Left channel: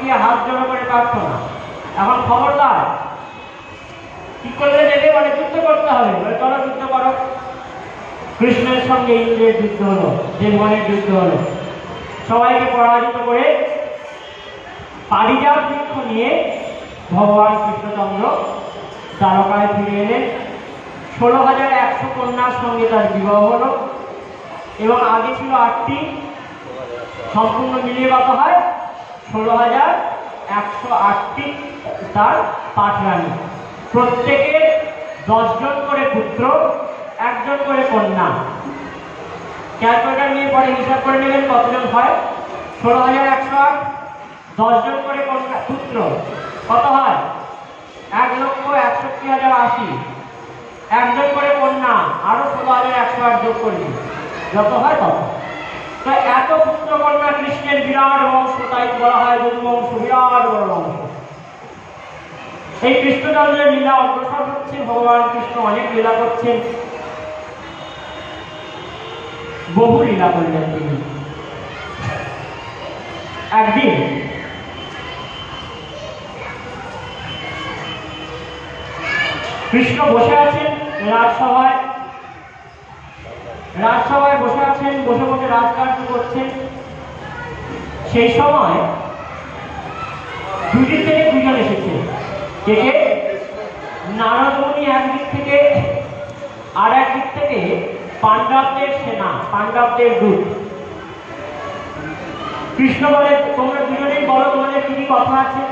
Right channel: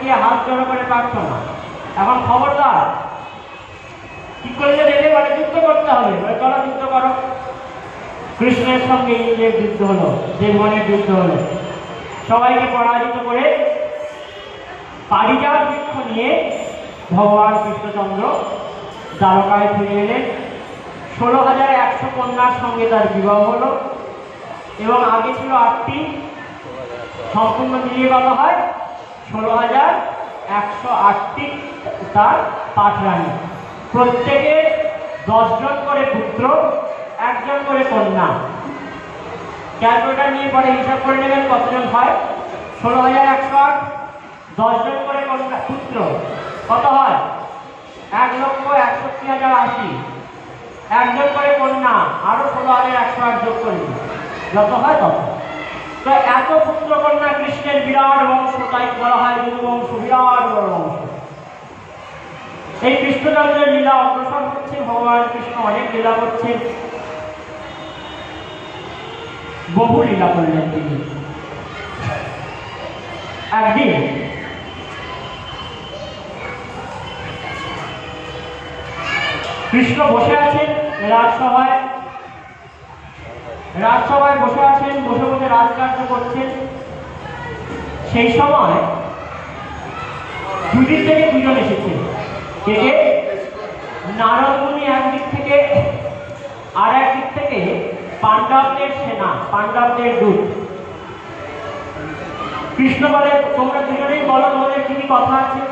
গিয়ে হাত জড়ো করে প্রার্থনা। এখন খবরদার, কি করলে দেবে? মানে যুদ্ধ করতে হবে। চলো যুদ্ধ করো। কৃষ্ণের সঙ্গে ইন্দ্রের যুদ্ধ হলো, দেবগণের যুদ্ধ হলো। সবাইকে পরাজিত করে পারিজাত বৃক্ষ নিয়ে ভগবান কৃষ্ণচন্দ্র দ্বারকায় ফিরে এলেন। 16,100 কন্যার সঙ্গে তার বিবাহ হলো এবং আগে ছিল 8টি, সম্পূর্ণ মিলিয়ে কত হয়? 16,108টি তার পাঠরানী। প্রত্যেকে 10 জন করে পুত্র, 1 জন করে কন্যা। ক্যালকুলেটার নিয়ে পরে হিসাব করে নেবেন কতজন হয়। 16,108, 10 জন করে কন্যা পুত্র, কত হয়? 1,61,080। 1 জন করে কন্যা, আরো 16,108 যোগ করে দিন, যত হয় তত। তো এত পুত্র কন্যা কৃষ্ণের বিরাট বংশ, তাই বলা হয় যদুবংশ, বিরাট বড় বংশ। এই কৃষ্ণচন্দ্রের লীলা অগ্রসর হচ্ছে। ভগবান কৃষ্ণ অনেক লীলা করছেন, বহু লীলা করলেন তিনি। একদিন কৃষ্ণ বসে আছেন রাজসভায়, বসে আছেন, বসে বসে রাজকার্য করছেন। সেই সময় দুদিক থেকে 2 জন এসেছে। কে? নারদ মুনি একদিক থেকে, আর একদিক থেকে পাণ্ডবদের সেনা, পাণ্ডবদের দূত। কৃষ্ণ বলে, তোমরা দুজনেই বলো তোমাদের কি কথা আছে।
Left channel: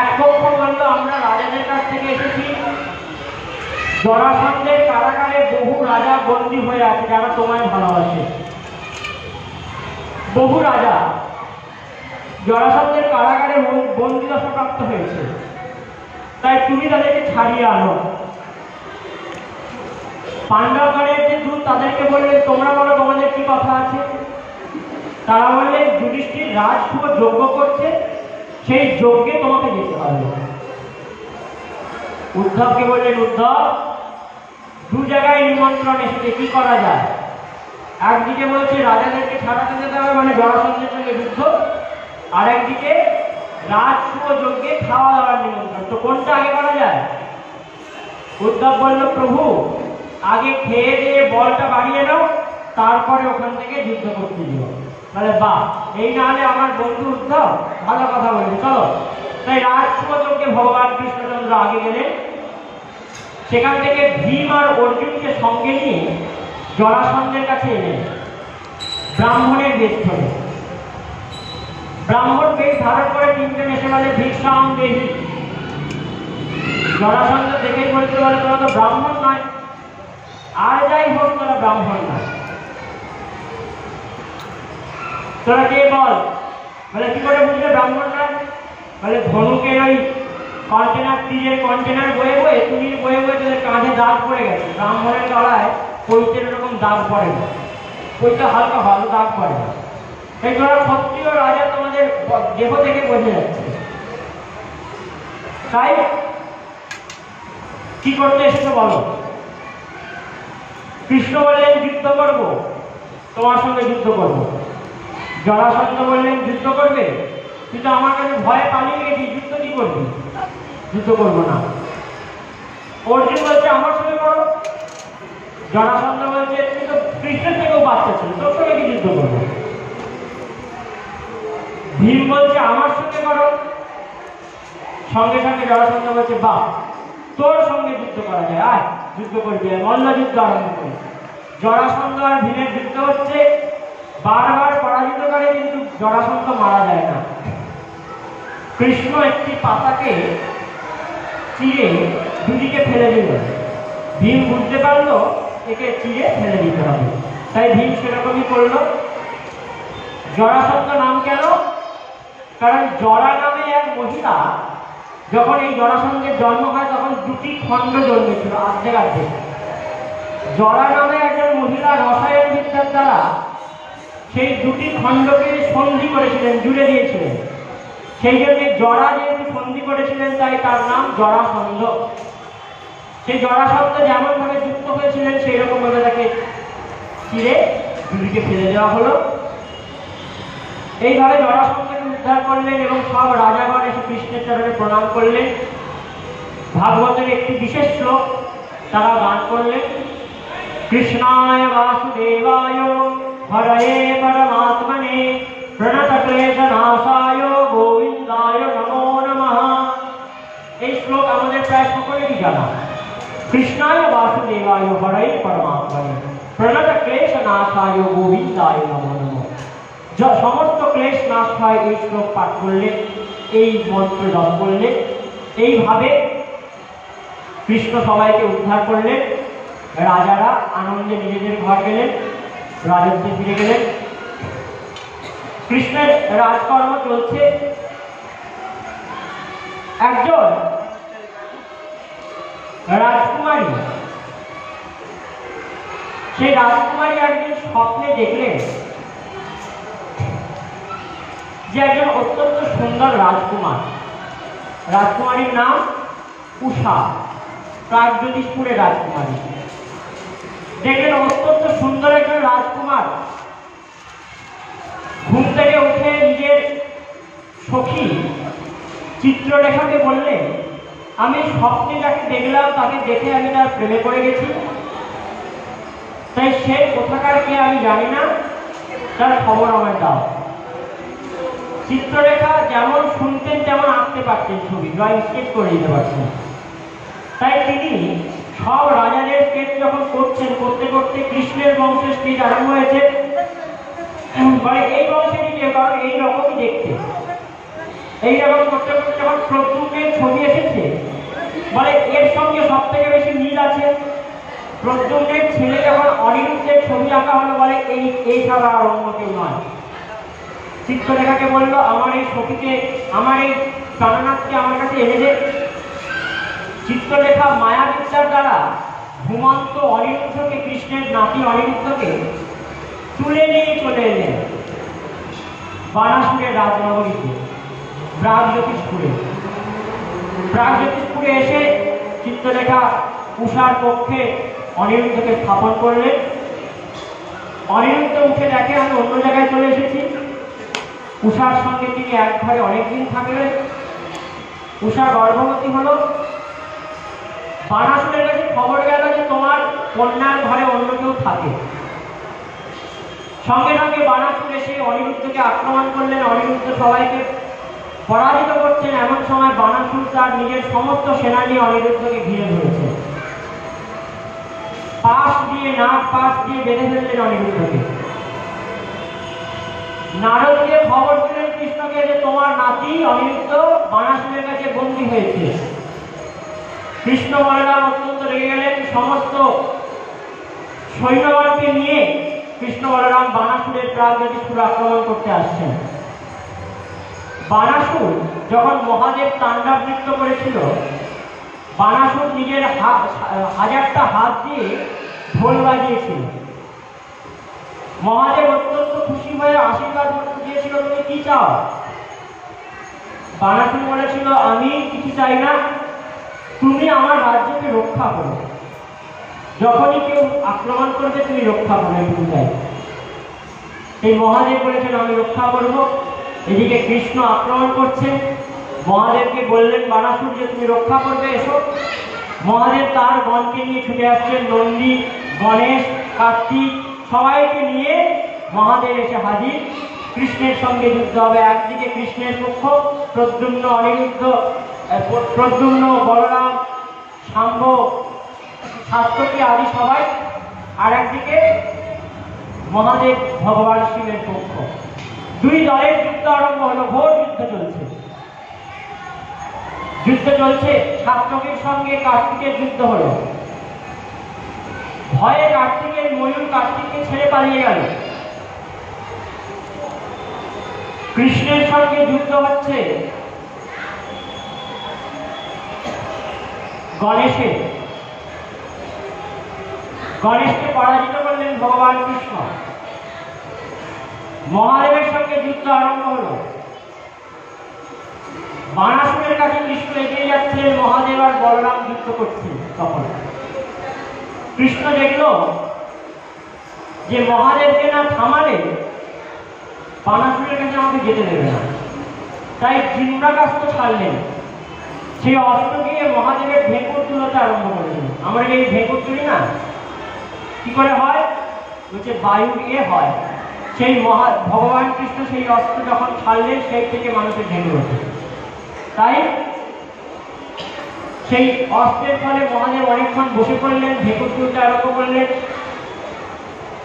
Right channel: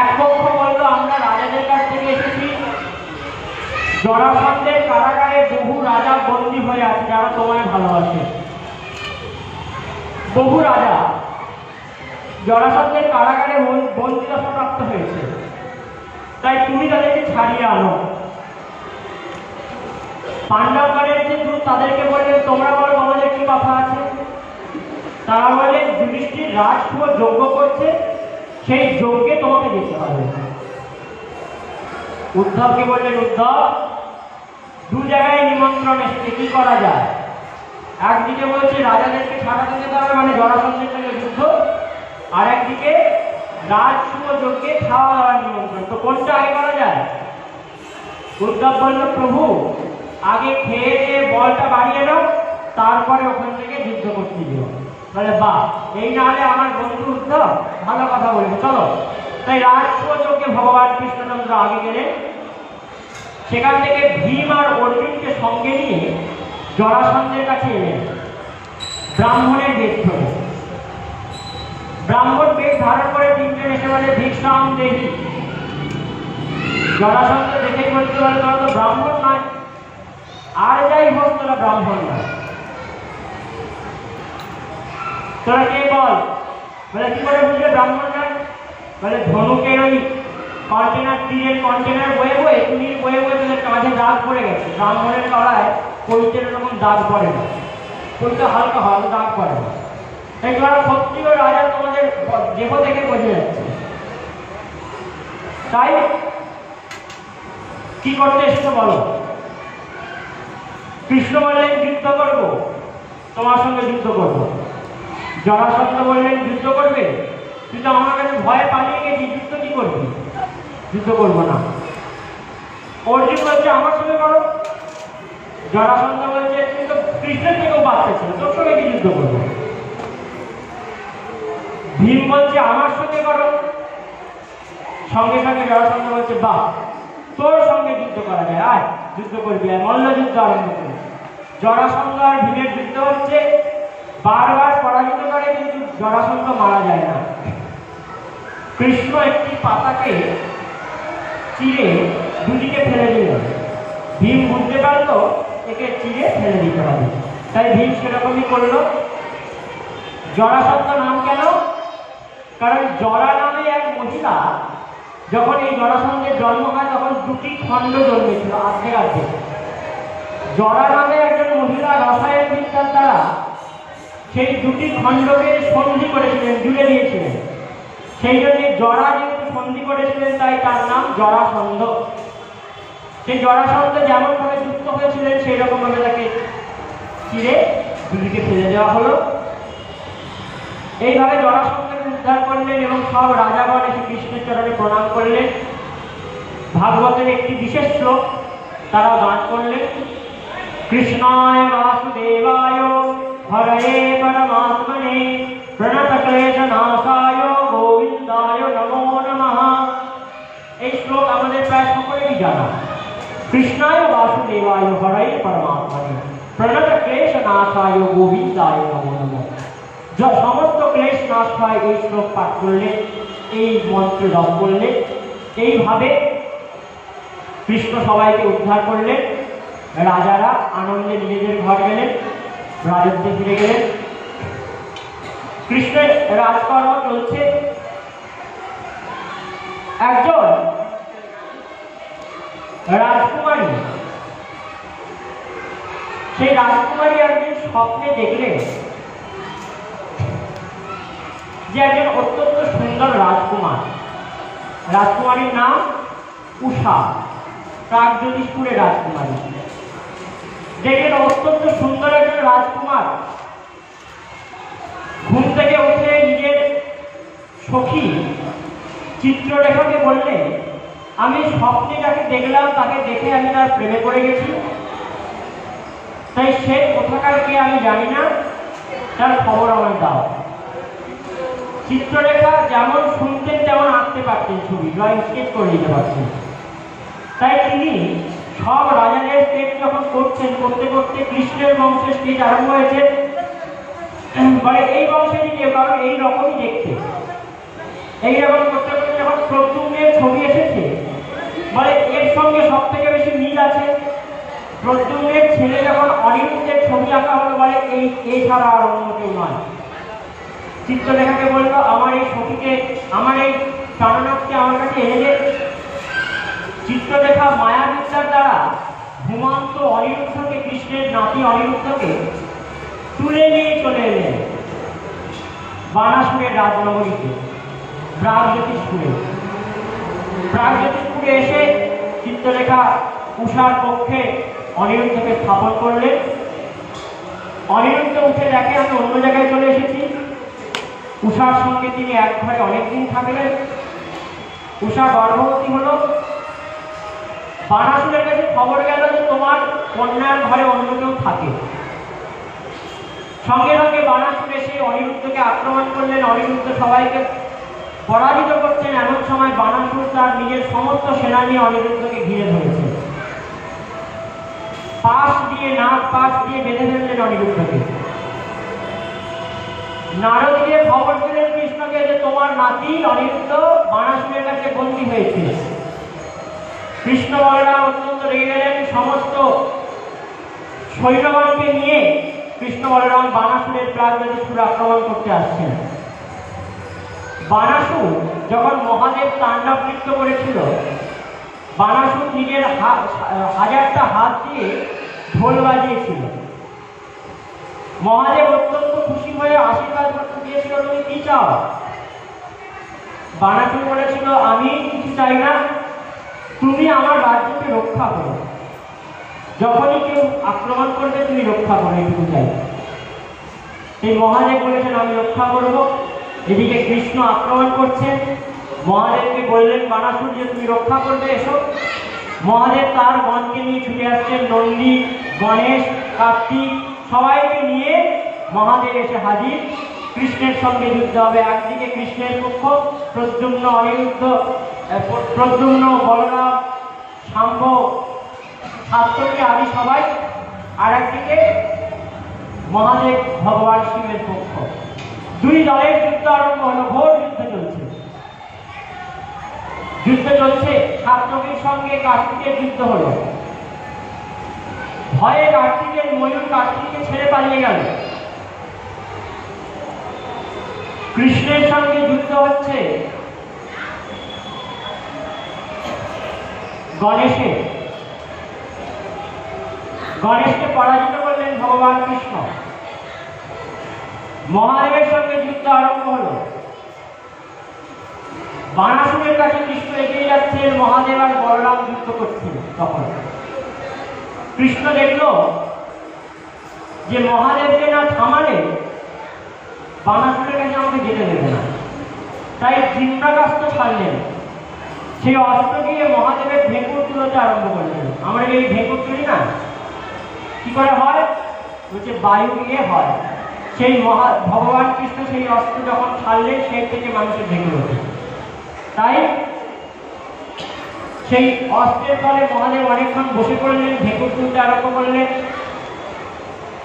এক পক্ষ বলল, আমরা রাজাদের কাছ থেকে এসেছি, জরাসন্ধের কারাগারে বহু রাজা বন্দী হয়ে আছে যারা তোমায় ভালোবাসে। বহু রাজা জরাসন্ধের কারাগারে বন্দিদশাপ্রাপ্ত হয়েছে, তাই তুমি তাদেরকে ছাড়িয়ে আনো। পাণ্ডবগণের যে দূত তাদেরকে বললেন, তোমরা বলো তোমাদের কি কথা আছে। তারা বললেন, যুধিষ্ঠির রাজসূয় যজ্ঞ করছে, সেই যজ্ঞে তোমাকে যেতে হবে। উদ্ধবকে বললেন, উদ্ধব 2 জায়গায় নিমন্ত্রণ এসেছে, কি করা যায়? একদিকে বলছে রাজাদেরকে ছাড়াতে যেতে হবে, মানে জরাসন্ধের সঙ্গে যুদ্ধ, আর একদিকে রাজসূয় যজ্ঞে খাওয়া দাওয়ার নিমন্ত্রণ। তো কোনটা আগে করা যায়? উদ্ধব বলল, প্রভু আগে খেয়ে দিয়ে বলটা বাড়িয়ে নাও, তারপরে ওখান থেকে যুদ্ধ করতে দিও। বলে, বাহ, এই না হলে আমার বন্ধু উদ্ধব ভালো কথা বলবে, চলো। তাই রাজসূয় যজ্ঞে ভগবান কৃষ্ণচন্দ্র আগে গেলেন। সেখান থেকে ভীম আর অর্জুনকে সঙ্গে নিয়ে জরাসন্ধের কাছে এলেন ব্রাহ্মণের বেশ ধরে। ব্রাহ্মণ বেশ ধারণ করে 3 জন এসে বলে, ভিক্ষাম দেহি। জরাসন্ধ দেখেই বলতে পারে, তোরা তো ব্রাহ্মণ নয়, আর যাই হোক তোরা ব্রাহ্মণ নয়, তোরা কে বল। বলে, কি করে বুঝলে ব্রাহ্মণ নয়? বলে, ধনুকের ওই কন্টেনার, তীরের কন্টেনার বয়ে বয়ে, তুলির বয়ে বয়ে তোদের কাঁধে দাগ পড়ে গেছে। ব্রাহ্মণের তলায় পৈতের এরকম দাগ পড়ে না, পৈতে হালকা ভালো দাগ পড়ে না। তাই তোরা ক্ষত্রিয় রাজা, তোমাদের দেহ দেখে বোঝা যাচ্ছে। তাই কি করতে এসেছো বলো। কৃষ্ণ বললেন, যুদ্ধ করবো, তোমার সঙ্গে যুদ্ধ করবো। জরাসন্ধ বললেন, যুদ্ধ করবে, কিন্তু আমার কাছে ভয়ে পালিয়ে গেছি, যুদ্ধ কি করবি? যুদ্ধ করবো না। অর্জুন বলছে, আমার সঙ্গে করো। জরাসন্ধ বলছে, তুমি তো কৃষ্ণের থেকেও বাচ্চা ছিল, তোর সঙ্গে কি যুদ্ধ করবো? ভীম বলছে, আমার সঙ্গে করো। সঙ্গে সঙ্গে জরাসন্ধ বলছে, বাহ, তোর সঙ্গে যুদ্ধ করা যায়, আয় যুদ্ধ করবি। আর মল্ল যুদ্ধ আরম্ভ করি। জরাসন্ধ আর ভীমের যুদ্ধ হচ্ছে, বারবার পরাজিত করে, কিন্তু জরাসন্ধ মারা যায় না। কৃষ্ণ একটি পাতাকে চিরে দুদিকে ফেলে দিল। ভীম বুঝতে পারলো একে চিরে ফেলে দিতে হবে, তাই ভীম সেরকমই করলো। জরাসন্ধ নাম কেন? কারণ জরা নামে এক মহিলা, যখন এই জরাসন্ধের জন্ম হয় তখন 2টি খণ্ড জন্মেছিল, অর্ধেক। জরা নামে একজন মহিলা রসায়ন বিদ্যার দ্বারা সেই 2টি খণ্ডকে সন্ধি করেছিলেন, জুড়ে দিয়েছিলেন। সেই জন্য জরা যেহেতু সন্ধি করেছিলেন, তাই তার নাম জরাসন্ধ। সেই জরাসন্ধ যেমন ভাবে যুক্ত হয়েছিলেন, সেই রকম ভাবে তাকে চিরে দুদিকে ফেলে দেওয়া হলো। এইভাবে জরাসন্ধকে উদ্ধার করলেন এবং সব রাজাগণ এসে কৃষ্ণের চরণে প্রণাম করলেন। ভাগবতের একটি বিশেষ শ্লোক তারা গান করলেন, কৃষ্ণায় বাসুদেবায় হরয়ে পরমাত্মনে প্রণতক্লেশনাশায় গোবিন্দায় নমো নমঃ। এই শ্লোক আমাদের প্রায় সকলেরই জানা। কৃষ্ণায় বাসুদেবায় হরয়ে পরমাত্মনে প্রণতক্লেশনাশায় গোবিন্দায় নমো নমঃ। সমস্ত ক্লেশ নাশ হয় এই শ্লোক পাঠ করলে, এই মন্ত্র জপ করলে। এইভাবে কৃষ্ণ সবাইকে উদ্ধার করলেন। রাজারা আনন্দে নিজেদের ঘর গেলেন, রাজত্বে ফিরে গেলেন। কৃষ্ণের রাজকর্ম চলছে। একজন রাজকুমারী, সেই রাজকুমারী একদিন স্বপ্নে দেখলেন যে একজন অত্যন্ত সুন্দর রাজকুমার, রাজকুমারীর নাম উষা, প্রাগজ্যোতিষপুরের রাজকুমারী। দেখলেন অত্যন্ত সুন্দর একজন রাজকুমার ঘুম থেকে উঠে নিজের সখী চিত্রলেখাকে বললেন, আমি স্বপ্নে যাকে দেখলাম তাকে দেখে আমি তার প্রেমে পড়ে গেছি, তাই সে কোথাকার কে আমি জানি না, তার খবর আমায় দাও। চিত্রলেখা যেমন শুনতেন তেমন আঁকতে পারতেন, ছবি ড্রয়িং স্কেচ করে দিতে পারতেন। তাই তিনি সব রাজাদের স্কেচ যখন করছেন, করতে করতে কৃষ্ণের বংশের স্কেচ আরম্ভ হয়েছে। এই বংশেরই কেউ, কারণ এইরকমই দেখতে। এইরকম করতে করতে যখন প্রদ্যুম্নের ছবি এসেছে, বলে এর সঙ্গে সব থেকে বেশি মিল আছে। প্রদ্যুম্নের ছেলে যখন অনিরুদ্ধের ছবি আঁকা হলো, বলে এই ছাড়া আর অন্য কেউ নয়। চিত্রলেখাকে বললো, আমার এই ছবিকে, আমার এই প্রাণনাথকে আমার কাছে এনে দে। চিত্রলেখা মায়াবিদ্যার দ্বারা ঘুমন্ত অনিরুদ্ধকে, কৃষ্ণের নাতি অনিরুদ্ধকে তুলে নিয়ে চলে এলেন বানাসুরের রাজনগরীতে, প্রাগজ্যোতিষপুরে। প্রাগজ্যোতিষপুরে এসে চিত্রলেখা উষার পক্ষে অনিরুদ্ধকে স্থাপন করলেন। অনিরুদ্ধ উঠে দেখে আমি অন্য জায়গায় চলে এসেছি। উষার সঙ্গে তিনি এক ঘরে অনেকদিন থাকলেন। উষা গর্ভবতী হল। বানাসুরের কাছে খবর গেল যে তোমার কন্যার ঘরে অন্য কেউ থাকে। সঙ্গে সঙ্গে বানাসুর এসে অনিরুদ্ধকে আক্রমণ করলেন। অনিরুদ্ধ সবাইকে পরাজিত করছেন। এমন সময় বানাসুর তার নিজের সমস্ত সেনা নিয়ে অনিরুদ্ধকে ঘিরে ধরেছে। পাশ দিয়ে, নাক পাশ দিয়ে বেঁধে ফেললেন অনিরুদ্ধকে। নারদ দিয়ে খবর দিলেন কৃষ্ণকে যে তোমার নাতি অনিরুদ্ধ বানাসুরের কাছে বন্দী হয়েছে। কৃষ্ণ বলরাম অত্যন্ত রেগে গেলেন। সমস্ত সৈন্যগণকে নিয়ে কৃষ্ণ বলরাম বানাসুরের প্রাগজ্যোতিষপুর আক্রমণ করতে আসছেন। বানাসুর যখন মহাদেব তাণ্ডব নৃত্য করেছিল, বানাসুর নিজের হাজারটা হাত দিয়ে ঢোল বাজিয়েছিল। মহাদেব অত্যন্ত খুশি হয়ে আশীর্বাদ দিয়েছিল, তুমি কি চাও? বানাসুর বলেছিল, আমি কিছু চাই না, তুমি আমার রাজ্যকে রক্ষা করো। যখনই কেউ আক্রমণ করবে তুমি রক্ষা করো, এটুকু চাই। এই মহাদেব বলেছেন আমি রক্ষা করবো। এদিকে কৃষ্ণ আক্রমণ করছে। মহাদেবকে বললেন বানাসুর যে তুমি রক্ষা করবে, এসো। মহাদেব তার গণকে নিয়ে ছুটে আসছেন। নন্দী, গণেশ, কার্তিক সবাইকে নিয়ে মহাদেব এসে হাজির। কৃষ্ণের সঙ্গে যুদ্ধ হবে। একদিকে কৃষ্ণের পক্ষ প্রদ্যুম্ন, অনিরুদ্ধ, প্রদ্যুম্ন, বলরাম, শাম্ভ, সাত্যকী আদি সবাই, আর একদিকে মহাদেব ভগবান শিবের পক্ষ। দুই দলের যুদ্ধ আরম্ভ হলো। ঘোর যুদ্ধ চলছে। সাত্যকীর সঙ্গে কার্তিকের যুদ্ধ হলো। ভয়ে কার্তিকের ময়ূর কার্তিককে ছেড়ে পালিয়ে গেল। কৃষ্ণের সঙ্গে যুদ্ধ হচ্ছে গণেশের। গণেশকে পরাজিত করলেন ভগবান কৃষ্ণ। মহাদেবের সঙ্গে যুদ্ধ আরম্ভ হল। বানাসুরের কাছে কৃষ্ণ এগিয়ে যাচ্ছিলেন, মহাদেব আর বলরাম যুদ্ধ করছিলেন। তখন কৃষ্ণ দেখল যে মহাদেবকে না থামালে বানাসুরের কাছে আমাকে যেতে দেবে না। তাই জিন্দাকাস্ত ছাড়লেন, সেই অস্ত্র দিয়ে মহাদেবের ভেঙ্কট তুলতে আরম্ভ করলেন। আমরা এই ভেঙ্কট তুলি না, কি করে হয়? বলছে বায়ু দিয়ে হয়। সেই ভগবান কৃষ্ণ সেই অস্ত্র যখন ছাড়লেন, সেই থেকে মানুষের ভেঙ্কট ওঠে। তাই সেই অস্ত্রের ফলে মহাদেব অনেকক্ষণ বসে পড়লেন, ভেঙ্কট তুলতে আরম্ভ করলেন।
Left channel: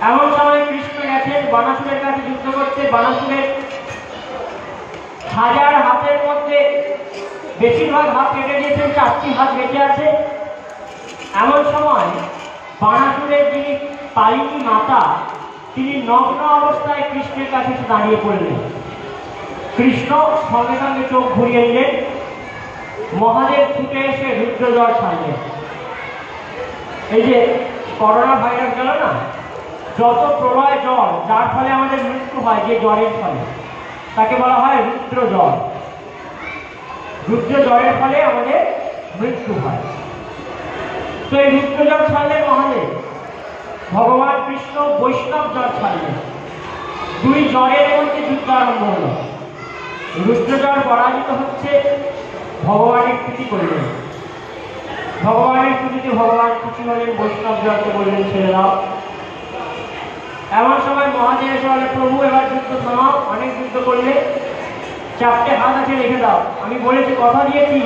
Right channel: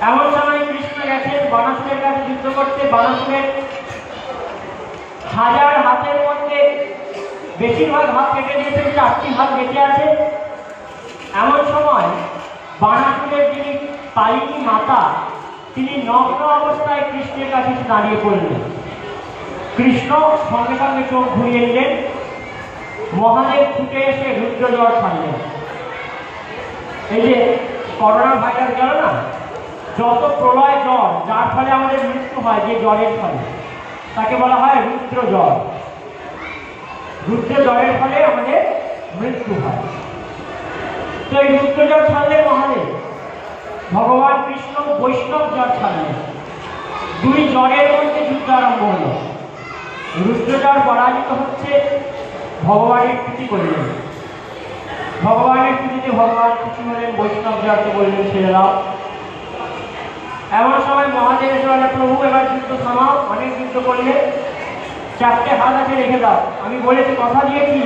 এমন সময় কৃষ্ণ গেছেন বানাসুরের কাছে যুদ্ধ করতে। বানাসুরের 1000 হাতের মধ্যে বেশিরভাগ হাত কেটে দিয়েছেন, 4টি হাত বেঁচে আছে। এমন সময় বানাসুরের যিনি কালিনী মাতা, তিনি নগ্ন অবস্থায় কৃষ্ণের কাছে দাঁড়িয়ে পড়লেন। কৃষ্ণ সঙ্গে সঙ্গে চোখ ঘুরিয়ে নিলেন। মহাদেব ছুটে এসে রুদ্রজ্বর ছাড়লেন। এই যে করোনা ভাইরাস জ্বর না, যত প্রলয় জ্বর যার ফলে আমাদের মৃত্যু হয়, যে জ্বরের ফলে, তাকে বলা হয় রুদ্র জ্বর। রুদ্র জ্বরের ফলে আমাদের মৃত্যু হয়। তো এই রুদ্র জ্বর ছাড়লেন মহাদেব। ভগবান কৃষ্ণ বৈষ্ণব জ্বর ছাড়লেন। দুই জ্বরের মধ্যে যুদ্ধ আরম্ভ হল। রুদ্র জ্বর পরাজিত হচ্ছে, ভগবানের প্রীতি করলেন। ভগবানের প্রীতিতে ভগবান খুশি হলেন, বৈষ্ণব জ্বরকে বললেন ছেড়ে দাও। এমন সময় মহাদেব এসে বলে, প্রভু এবার যুদ্ধ থামাও, অনেক যুদ্ধ করলে, 4টে হাত আছে রেখে দাও। আমি বলেছি, কথা দিয়েছি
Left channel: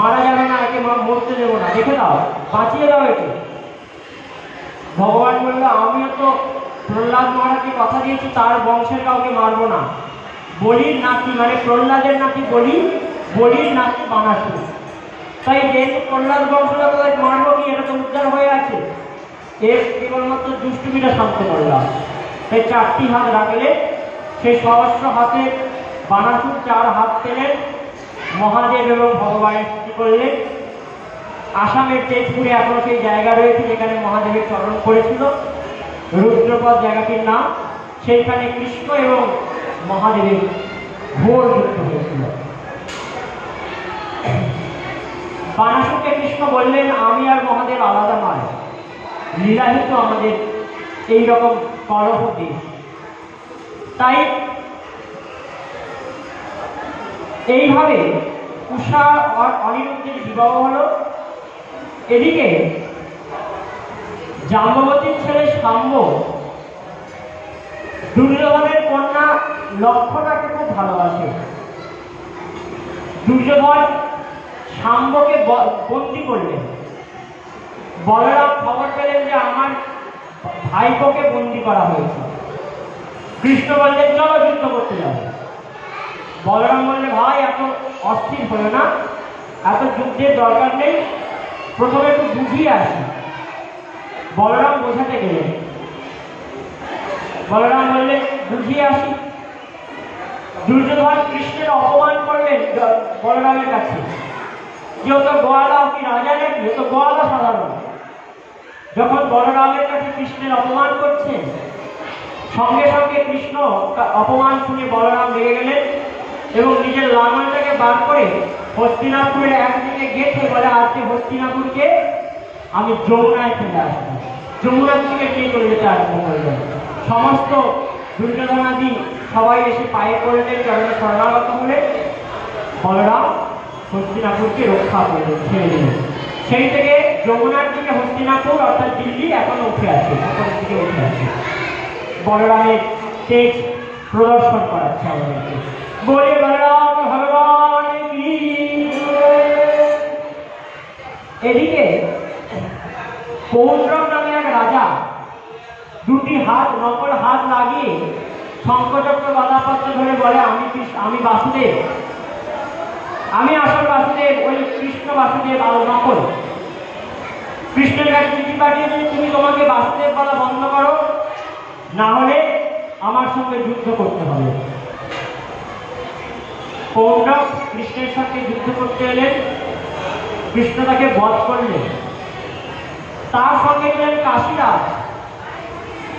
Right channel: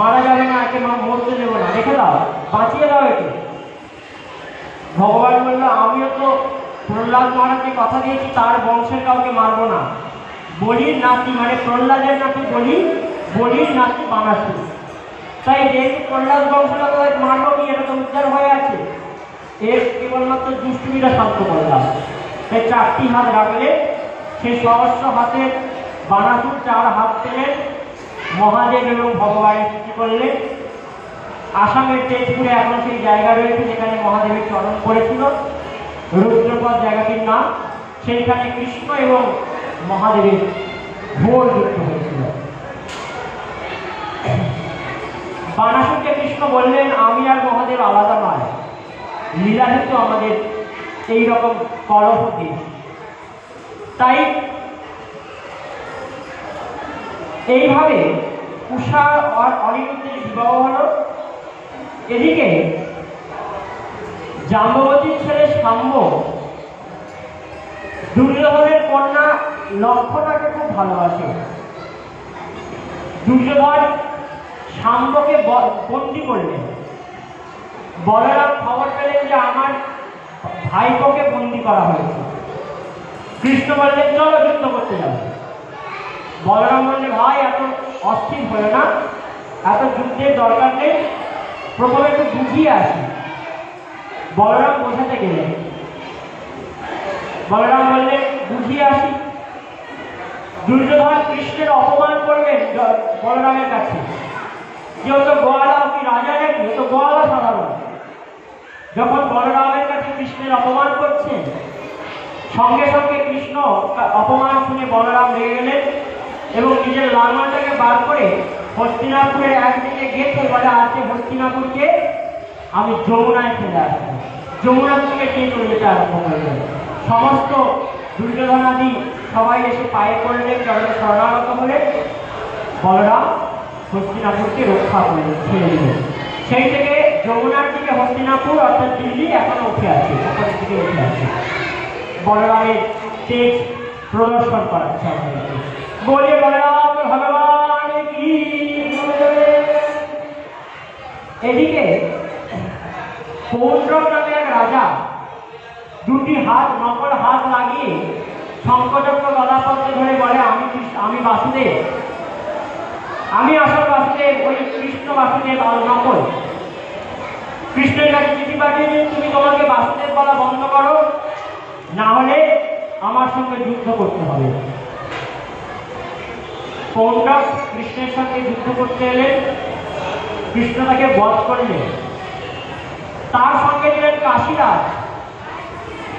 মারা যাবে না, একে মরতে দেবো না, রেখে দাও, বাঁচিয়ে দাও একে। ভগবান বলল, আমিও তো প্রহ্লাদ মহারাজকে কথা দিয়েছি তার বংশের কাউকে মারবো না। বলির নাতি মানে প্রহ্লাদের নাতি বলি, বলির নাতি বানাসুর। তাই যেহেতু প্রহ্লাদ বংশগত মারবো কি, এটা তো উদ্ধার হয়ে আছে, এর কেবলমাত্র দুষ্টুমিটা শান্ত করলাম। তাই 4টি হাত রাখলে সেই সহস্র হাতে বানাসুর 4 হাত পেলেন। মহাদেব এবং ভগবানের স্তুতি করলেন। আসামের তেজপুরে এখনো সেই জায়গা রয়েছে যেখানে মহাদেবের চরণ পড়েছিল, রুদ্রপদ জায়গাটির নাম। সেইখানে কৃষ্ণ এবং মহাদেবের ঘোর যুদ্ধ হয়েছিল। বানাসুরকে কৃষ্ণ বললেন, আমি আর মহাদেব আলাদা নয়, লীলাহিত আমাদের এইরকম কলহ দেশ। তাই এইভাবে উষা আর অনিরুদ্ধের বিবাহ হলো। এদিকে জাম্ববতীর ছেলে শাম্ব দুর্যোধনের কন্যা লক্ষ্মণাকে খুব ভালোবাসে। দুর্যোধন শাম্বকে বন্দী করলেন। বলরাম খবর পেলেন যে আমার ভাইপোকে বন্দী করা হয়েছে। কৃষ্ণ বললেন, চলো যুদ্ধ করতে যাবে। বলরাম বললে, ভাই এত অস্থির হলো না, এত যুদ্ধের দরকার নেই, প্রথমে একটু বুঝিয়ে আসি। বলরাম বোঝাতে গেলেন। বলরাম বললেন, বুঝিয়ে আসি। দুর্যোধন কৃষ্ণের অপমান করলেন বলরামের কাছে, যে ও তো গোয়ালা, কি রাজা নাকি, ও তো গোয়ালা সাধারণ। যখন বলরামের কাছে কৃষ্ণের অপমান করছেন, সঙ্গে সঙ্গে কৃষ্ণ অপমান শুনে বলরাম রেগে গেলেন এবং নিজের লাঙলটাকে বার করে হস্তিনাপুরের একদিকে গেছে, বলে আজকে হস্তিনাপুরকে আমি যমুনায় ফেলে আসবো। যমুনার থেকে কে চলে যেতে আরম্ভ করলেন। সমস্ত দুর্যোধনাদি সবাই এসে পায়ে পড়লেন, চরণে শরণাগত হলে বলরাম হস্তিনাপুরকে রক্ষা করলেন, ছেড়ে দিলেন। সেই থেকে যমুনার দিকে হস্তিনাপুর অর্থাৎ দিল্লি এখনো উঠে আছে, উপরের দিকে উঠে আছে। বলরামের তেজ প্রদর্শন করাচ্ছে আমাদেরকে। বলে বলরাম ভগবান কি। এদিকে পৌণ্ড্রক নামে এক রাজা 2টি হাত নকল হাত লাগিয়ে শঙ্খচক্র গদাপত্র ধরে বলে, আমি বাসুদেব, আমি আসল বাসুদেব, ওই কৃষ্ণ বাসুদেব আল নকল। কৃষ্ণের কাছে চিঠি পাঠিয়েছে, তুমি তোমাকে বাসুদেব বলা বন্ধ করো, না হলে আমার সঙ্গে যুদ্ধ করতে হবে। পৌণ্ড্রক কৃষ্ণের সঙ্গে যুদ্ধ করতে এলেন। কৃষ্ণ তাকে বধ করলেন। তার সঙ্গে ছিলেন কাশীরাজ।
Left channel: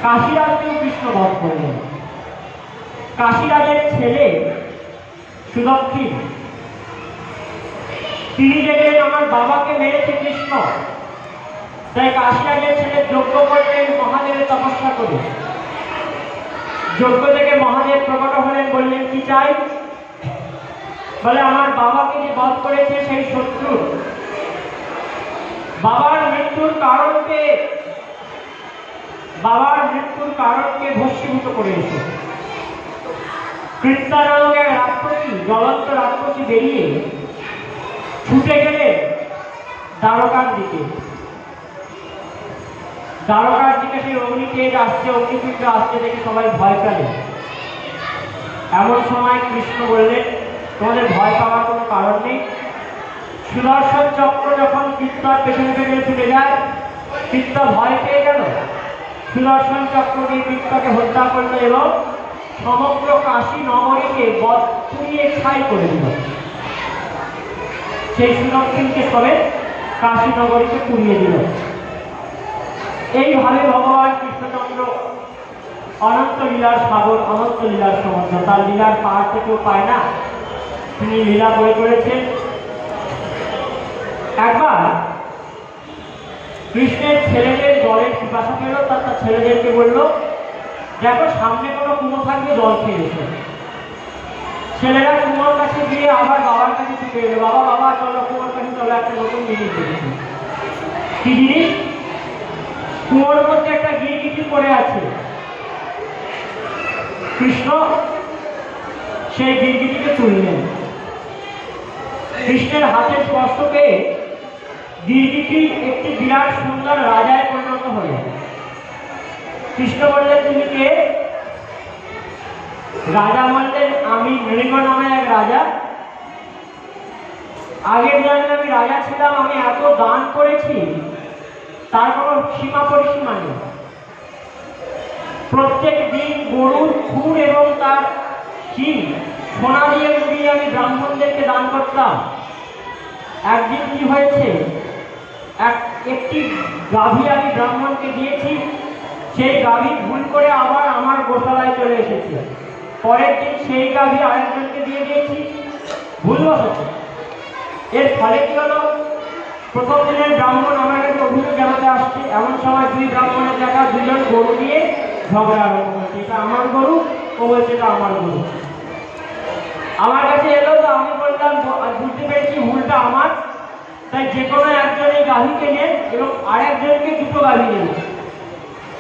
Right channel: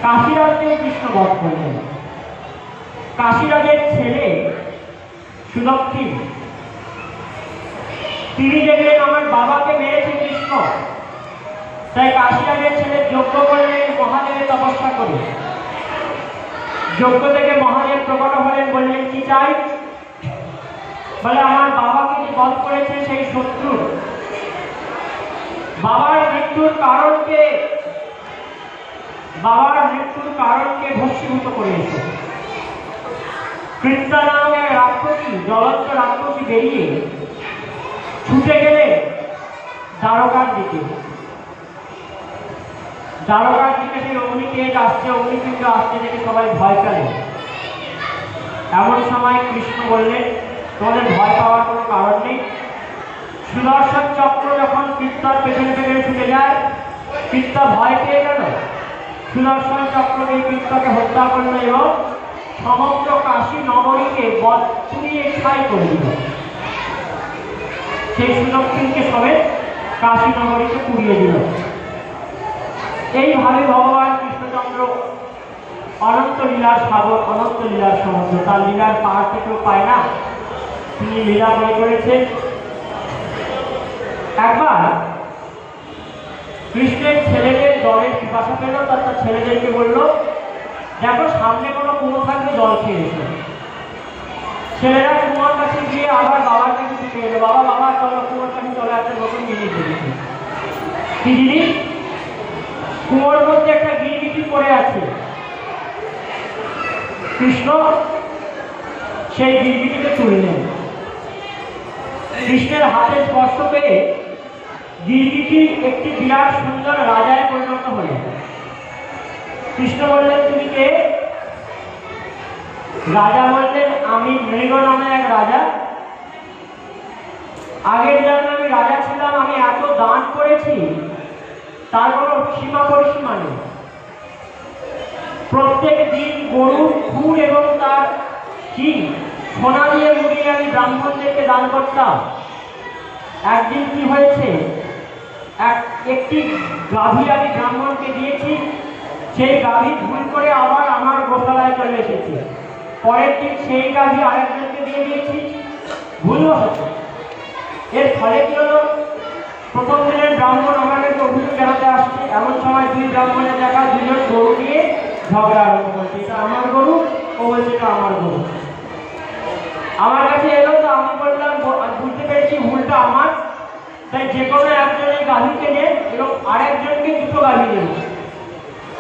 কাশীরাজকেও কৃষ্ণ বধ করলেন। কাশীরাজের ছেলে সুদক্ষিণ, তিনি দেখলেন আমার বাবাকে মেরেছে কৃষ্ণ, তাই কাশীরাজের ছেলে যজ্ঞ করলেন মহাদেবের তপস্যা করে। যজ্ঞ থেকে মহাদেব প্রকট হলেন, বললেন কি চাই? বলে আমার বাবাকে যে বধ করেছে সেই শত্রু, বাবার মৃত্যুর কারণকে ভস্মীভূত করেছে। কৃত্তা নামক এক রাক্ষসী, জ্বলন্ত রাক্ষসী বেরিয়ে ছুটে গেলে দ্বারকার দিকে। সেই অগ্নিতেজ আসছে, অগ্নিপিণ্ড আসছে দেখে সবাই ভয় পেলেন। এমন সময় কৃষ্ণ বললেন, তোমাদের ভয় পাওয়ার কোনো কারণ নেই। সুদর্শন চক্র যখন কৃত্তার পেছনে পেছনে ছুটে যায়, কৃত্তা ভয় পেয়ে গেল। সুদর্শন চক্রকে কৃত্তাকে হত্যা করলো এবং সমগ্র কাশী নগরীকে পুড়িয়ে ছাই করে দিল। সেই সুদর্শনকে সবে কাশী নগরীকে পুড়িয়ে দিল। এইভাবে ভগবান কৃষ্ণচন্দ্র অনন্ত লীলার সাগর, অনন্ত লীলার সমুদ্র, তার লীলার পাহাড় থেকেও পায় না, তিনি লীলা বই করেছেন। একবার কৃষ্ণের ছেলেদের জলের পিপাসা পেল, তার ছেলেদেরকে বলল, দেখো সামনে কোনো কুমো থাকবে, জল খেয়ে এসো। ছেলেরা কুমোর কাছে গিয়ে আবার বাবার কাছে ছুটে গেল, বাবা চলো কুমোর কাছে চলো, একটা নতুন জিনিস দেখেছি। কি জিনিস? কুমোর মধ্যে একটা গিরগিটি পড়ে আছে। কৃষ্ণ সেই গিরগিটিকে তুললেন। কৃষ্ণের হাতে স্পর্শ পেয়ে গিরগিটি একটি বিরাট সুন্দর রাজায় পরিণত হল। কৃষ্ণ বললেন, তুমি কে? রাজা বললেন, আমি মৃগ নামে এক রাজা। আগের জন্মে আমি রাজা ছিলাম, আমি এত দান করেছি তার কোনো সীমা পরিসীমা নেই। প্রত্যেক দিন গরুর খুর এবং তার শিং সোনা দিয়ে মুড়িয়ে আমি ব্রাহ্মণদেরকে দান করতাম। একদিন কি হয়েছে, একটি গাভী আমি ব্রাহ্মণকে দিয়েছি, সেই গাভী ভুল করে আবার আমার গোশালায় চলে এসেছে। পরের দিন সেই গাভী আরেকজনকে দিয়ে দিয়েছি, ভুলও হচ্ছে। এর ফলে কি হলো, প্রথম দিনের ব্রাহ্মণ আমার কাছে অভিযোগ জানাতে আসছে। এমন সময় দুই ব্রাহ্মণের জায়গায় দুজন গরু নিয়ে ঝগড়া আরম্ভ করছে, এটা আমার গরু, ও বলছে এটা আমার গরু। আমার কাছে এলো, তো আমি বললাম, বুঝতে পেরেছি ভুলটা আমার, তাই যে কোনো একজন এই গাভীকে নেন এবং আরেকজনকে দুটো গাভী নেব।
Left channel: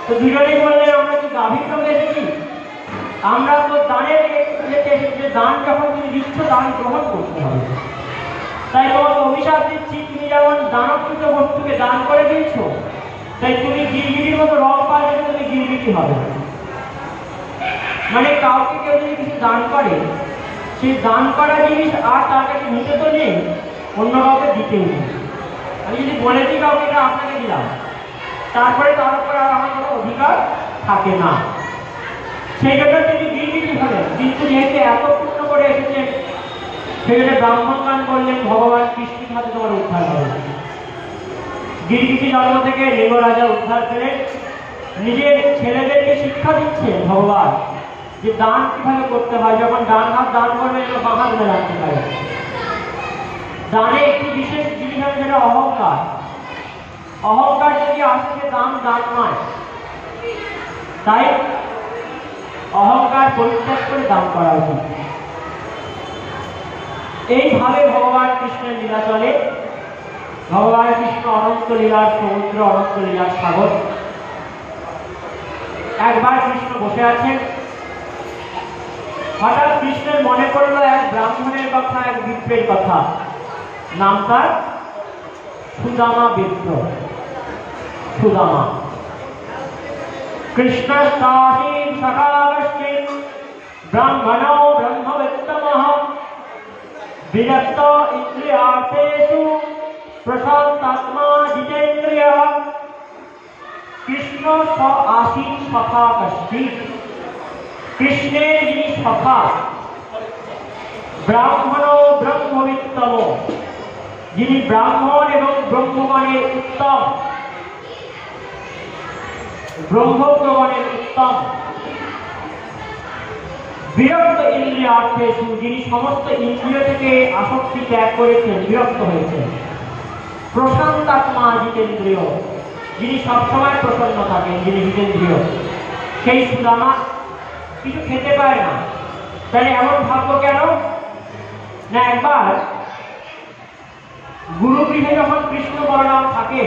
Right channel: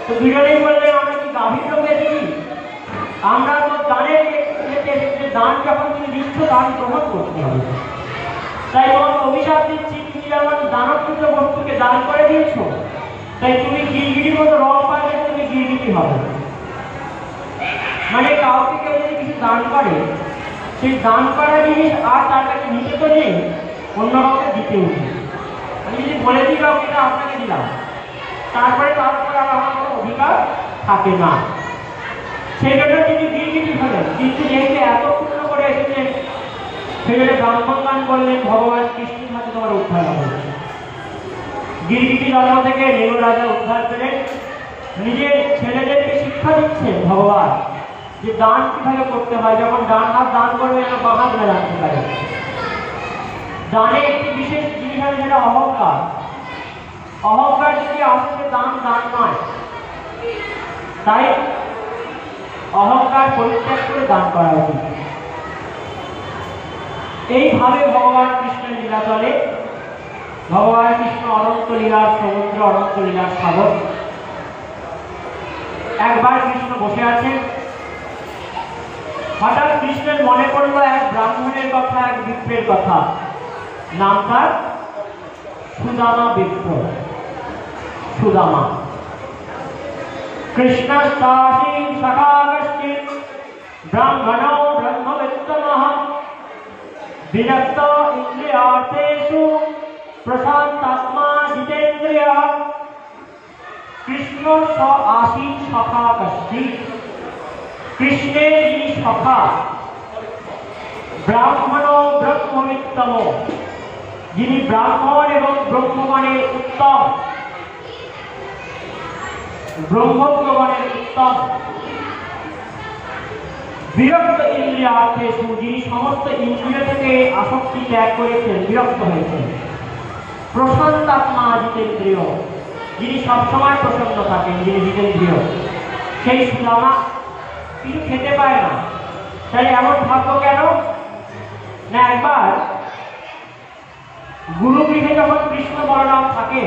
তো দুজনেই বললেন, আমরা কি গাভীর লোক এসেছি? আমরা তো দানের যে দান যখন তুমি দিচ্ছ, দান গ্রহণ করতে হবে। তাই তোমাকে অভিশাপ দিচ্ছি, তুমি যেমন দানবপুত্র বস্তুকে দান করে দিয়েছ, তাই তুমি গিরগিটির মতো রং পাল্টে তুমি গিরগিটি হবে। মানে কাউকে কেউ যদি কিছু দান করে, সেই দান করা জিনিস আর তার কাছে নিতে তো নেই, অন্য কাউকে দিতে নেই। আমি যদি বলে দিই কাউকে এটা আপনাকে দিলাম, তারপরে তার উপরে আর আমার কোনো অধিকার থাকে না। সেই জন্য তিনি গিরগিটি হলেন। কিন্তু যেহেতু এত পূর্ণ করে এসেছেন, সেখানে ব্রাহ্মণগান করলেন, ভগবান কৃষ্ণের সাথে তোমার উদ্ধার হবে। গিরগিটি জন্ম থেকে মৃগ রাজা উদ্ধার পেলেন। নিজের ছেলেদেরকে শিক্ষা দিচ্ছেন ভগবান, যে দান কিভাবে করতে হয়। যখন ডান হাত দান করবে, বাঁ হাত ধরে রাখতে পারে। দানে একটি বিশেষ জিনিস হয়, যেটা অহংকার। অহংকার যদি আসছে, দান নয়। তাই অহংকার পরিত্যাগ করে দান করা উচিত। এইভাবে ভগবান কৃষ্ণের লীলা চলে। ভগবান কৃষ্ণ অনন্ত লীলার সমুদ্র, অনন্ত লীলার সাগর। একবার কৃষ্ণ বসে আছেন, হঠাৎ কৃষ্ণের মনে পড়ল এক ব্রাহ্মণের কথা, এক বিপ্রের কথা। নাম তার সুদামা বিপ্র। সুদামা কৃষ্ণ সাহীন সখাগশ্চিন ব্রাহ্মণো ব্রহ্মবিত্তমঃ বিনক্ত ইন্দ্রিয়ার্থেষু প্রশান্তাত্মা জিতেন্দ্রিয়ঃ। কৃষ্ণ আসীন সখাগশ্চিন, কৃষ্ণের যিনি সখা, ব্রাহ্মণো ব্রহ্মবিত্তম, যিনি ব্রাহ্মণ এবং ব্রহ্মগণের উত্তম, ব্রহ্মজ্ঞগণের উত্তম। বিরক্ত ইন্দ্রিয়ার্থেষু, যিনি সমস্ত ইন্দ্রিয় থেকে আসক্তি ত্যাগ করেছেন, বিরক্ত হয়েছেন। প্রশান্তাত্মা জিতেন্দ্রিয়, যিনি সবসময় প্রসন্ন থাকেন, যিনি জিতেন্দ্রিয়। সেই সুদামা কিছু খেতে পায় না। তাহলে এমন ভাবলো কেন? না একবার গুরুগৃহে যখন কৃষ্ণ বলরাম থাকে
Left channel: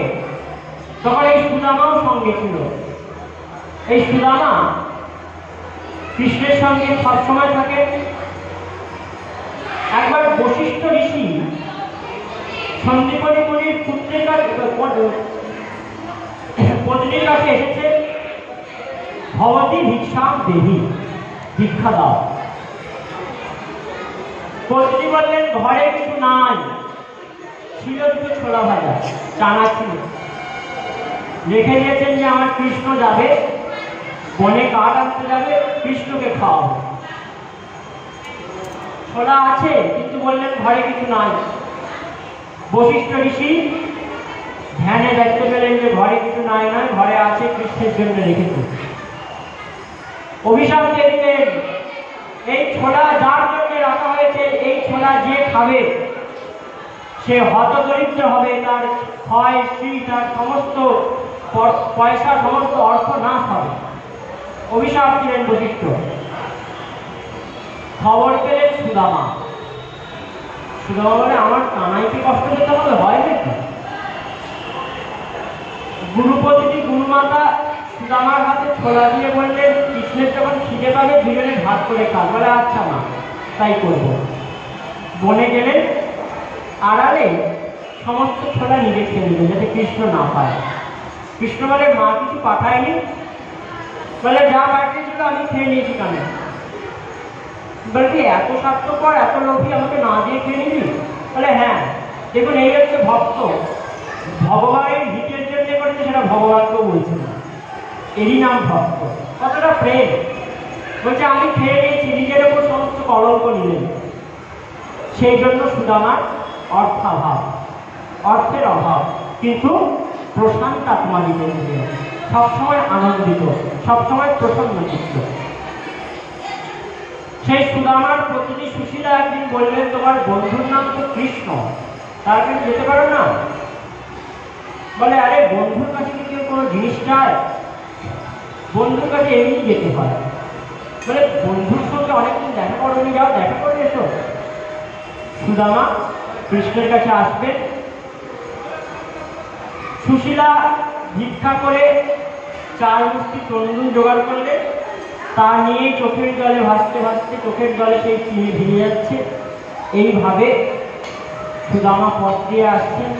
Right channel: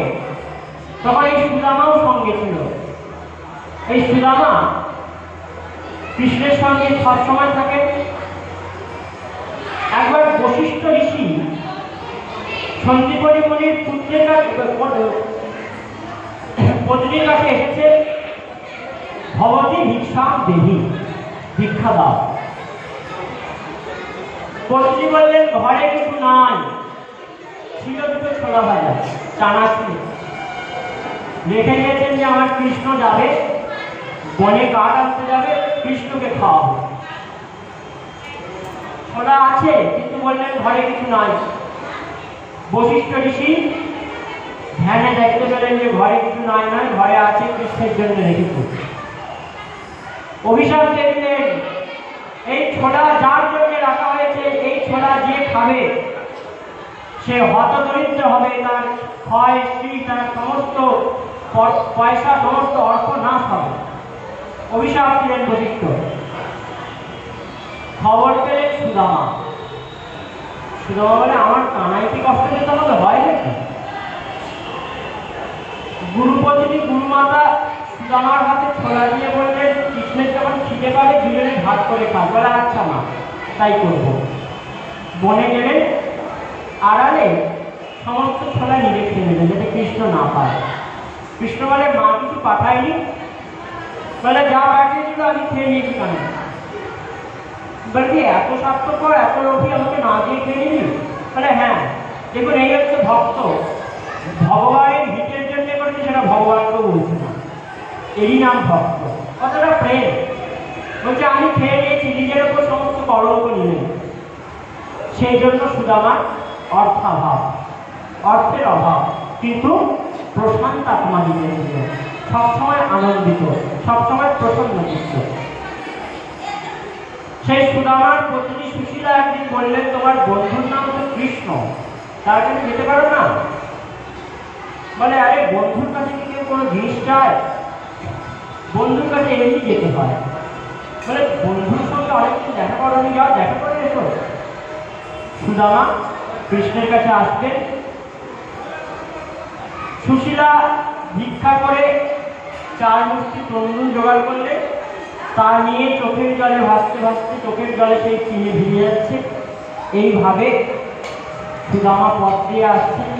তখন এই সুদামাও সঙ্গে ছিল। এই সুদামা কৃষ্ণের সঙ্গে সবসময় থাকে। একবার বশিষ্ঠ ঋষি সন্দীপনী মুনির পত্নীর কাছে এসেছে, ভবতী ভিক্ষাম দেহি, ভিক্ষা দাও। পত্নী বললেন ঘরে কিছু নাই, ছিল দুটো ছোলা ভাজা, চানা ছিল। রেখে দিয়েছেন যে আমার কৃষ্ণ যাবে, বনে কাঠ আনতে যাবে, কৃষ্ণকে খাওয়াবো। ছোলা আছে, কিন্তু বললেন ঘরে কিছু নাই। বশিষ্ঠ ঋষি ধ্যানে দেখতে পেলেন যে ঘরে কিছু নাই, নয় ঘরে আছে, কৃষ্ণের জন্য রেখেছে। অভিশাপ দিয়ে দিলেন, এই ছোলা যার জন্য রাখা হয়েছে, এই ছোলা যে খাবে সে হতদরিদ্র হবে, তার ক্ষয় স্ত্রী, তার সমস্ত পয়সা, সমস্ত অর্থ নাশ হবে। অভিশাপ দিলেন বশিষ্ঠ। খবর পেলেন সুদামা। সুদামা বলে আমার কানাইতে কষ্ট পেতে আমাদের হয় নাকি? গুরুপত্নী গুরুমাতা সুদামার হাতে ছোলা দিয়ে বললেন কৃষ্ণের যখন খিদে পাবে দুজনে ভাগ করে খাও। বলে আচ্ছা না, তাই করবো। বনে গেলেন, আড়ালে সমস্ত ছোলা নিজে খেয়ে নেবেন যাতে কৃষ্ণ না পায়। কৃষ্ণ বলে মা কিছু পাঠায়নি? বলে যা পাঠিয়েছিল আমি খেয়ে নিয়েছি। কেন? বলছি এত স্বার্থপর, এত লোভী, আমাকে না দিয়ে খেয়ে নিবি? বলে হ্যাঁ, দেখুন এই হচ্ছে ভক্ত, ভগবানের হিতের জন্য করছে, সেটা ভগবানকেও বলছে না, এরই নাম ভক্ত। কতটা প্রেম! বলছে আমি খেয়ে নিয়েছি, নিজের উপর সমস্ত কলঙ্ক নিলেন। সেই জন্য সুদামার অর্থাভাব, অর্থের অভাব, কিন্তু প্রশান্ত আত্মা দিতে সবসময় আনন্দিত, সবসময় প্রসন্ন চিত্ত। সেই সুদামার পত্নী সুশীলা একদিন বললেন তোমার বন্ধুর নাম তো কৃষ্ণ, তার কাছে যেতে পারো না? বলে আরে বন্ধুর কাছে কি কেউ কোনো জিনিস চায়? বন্ধুর কাছে এমনি যেতে হয়। বলে বন্ধুর সঙ্গে অনেকদিন দেখা করো, যাও দেখা করে এসো। সুদামা কৃষ্ণের কাছে আসবে। সুশীলা ভিক্ষা করে 4 মুষ্টি তরুণ জোগাড় করলে, তা নিয়ে চোখের জলে ভাসতে ভাসতে চোখের জলে সেই চিনি ভিজে যাচ্ছে। এইভাবে সুদামা পথ দিয়ে আসছেন।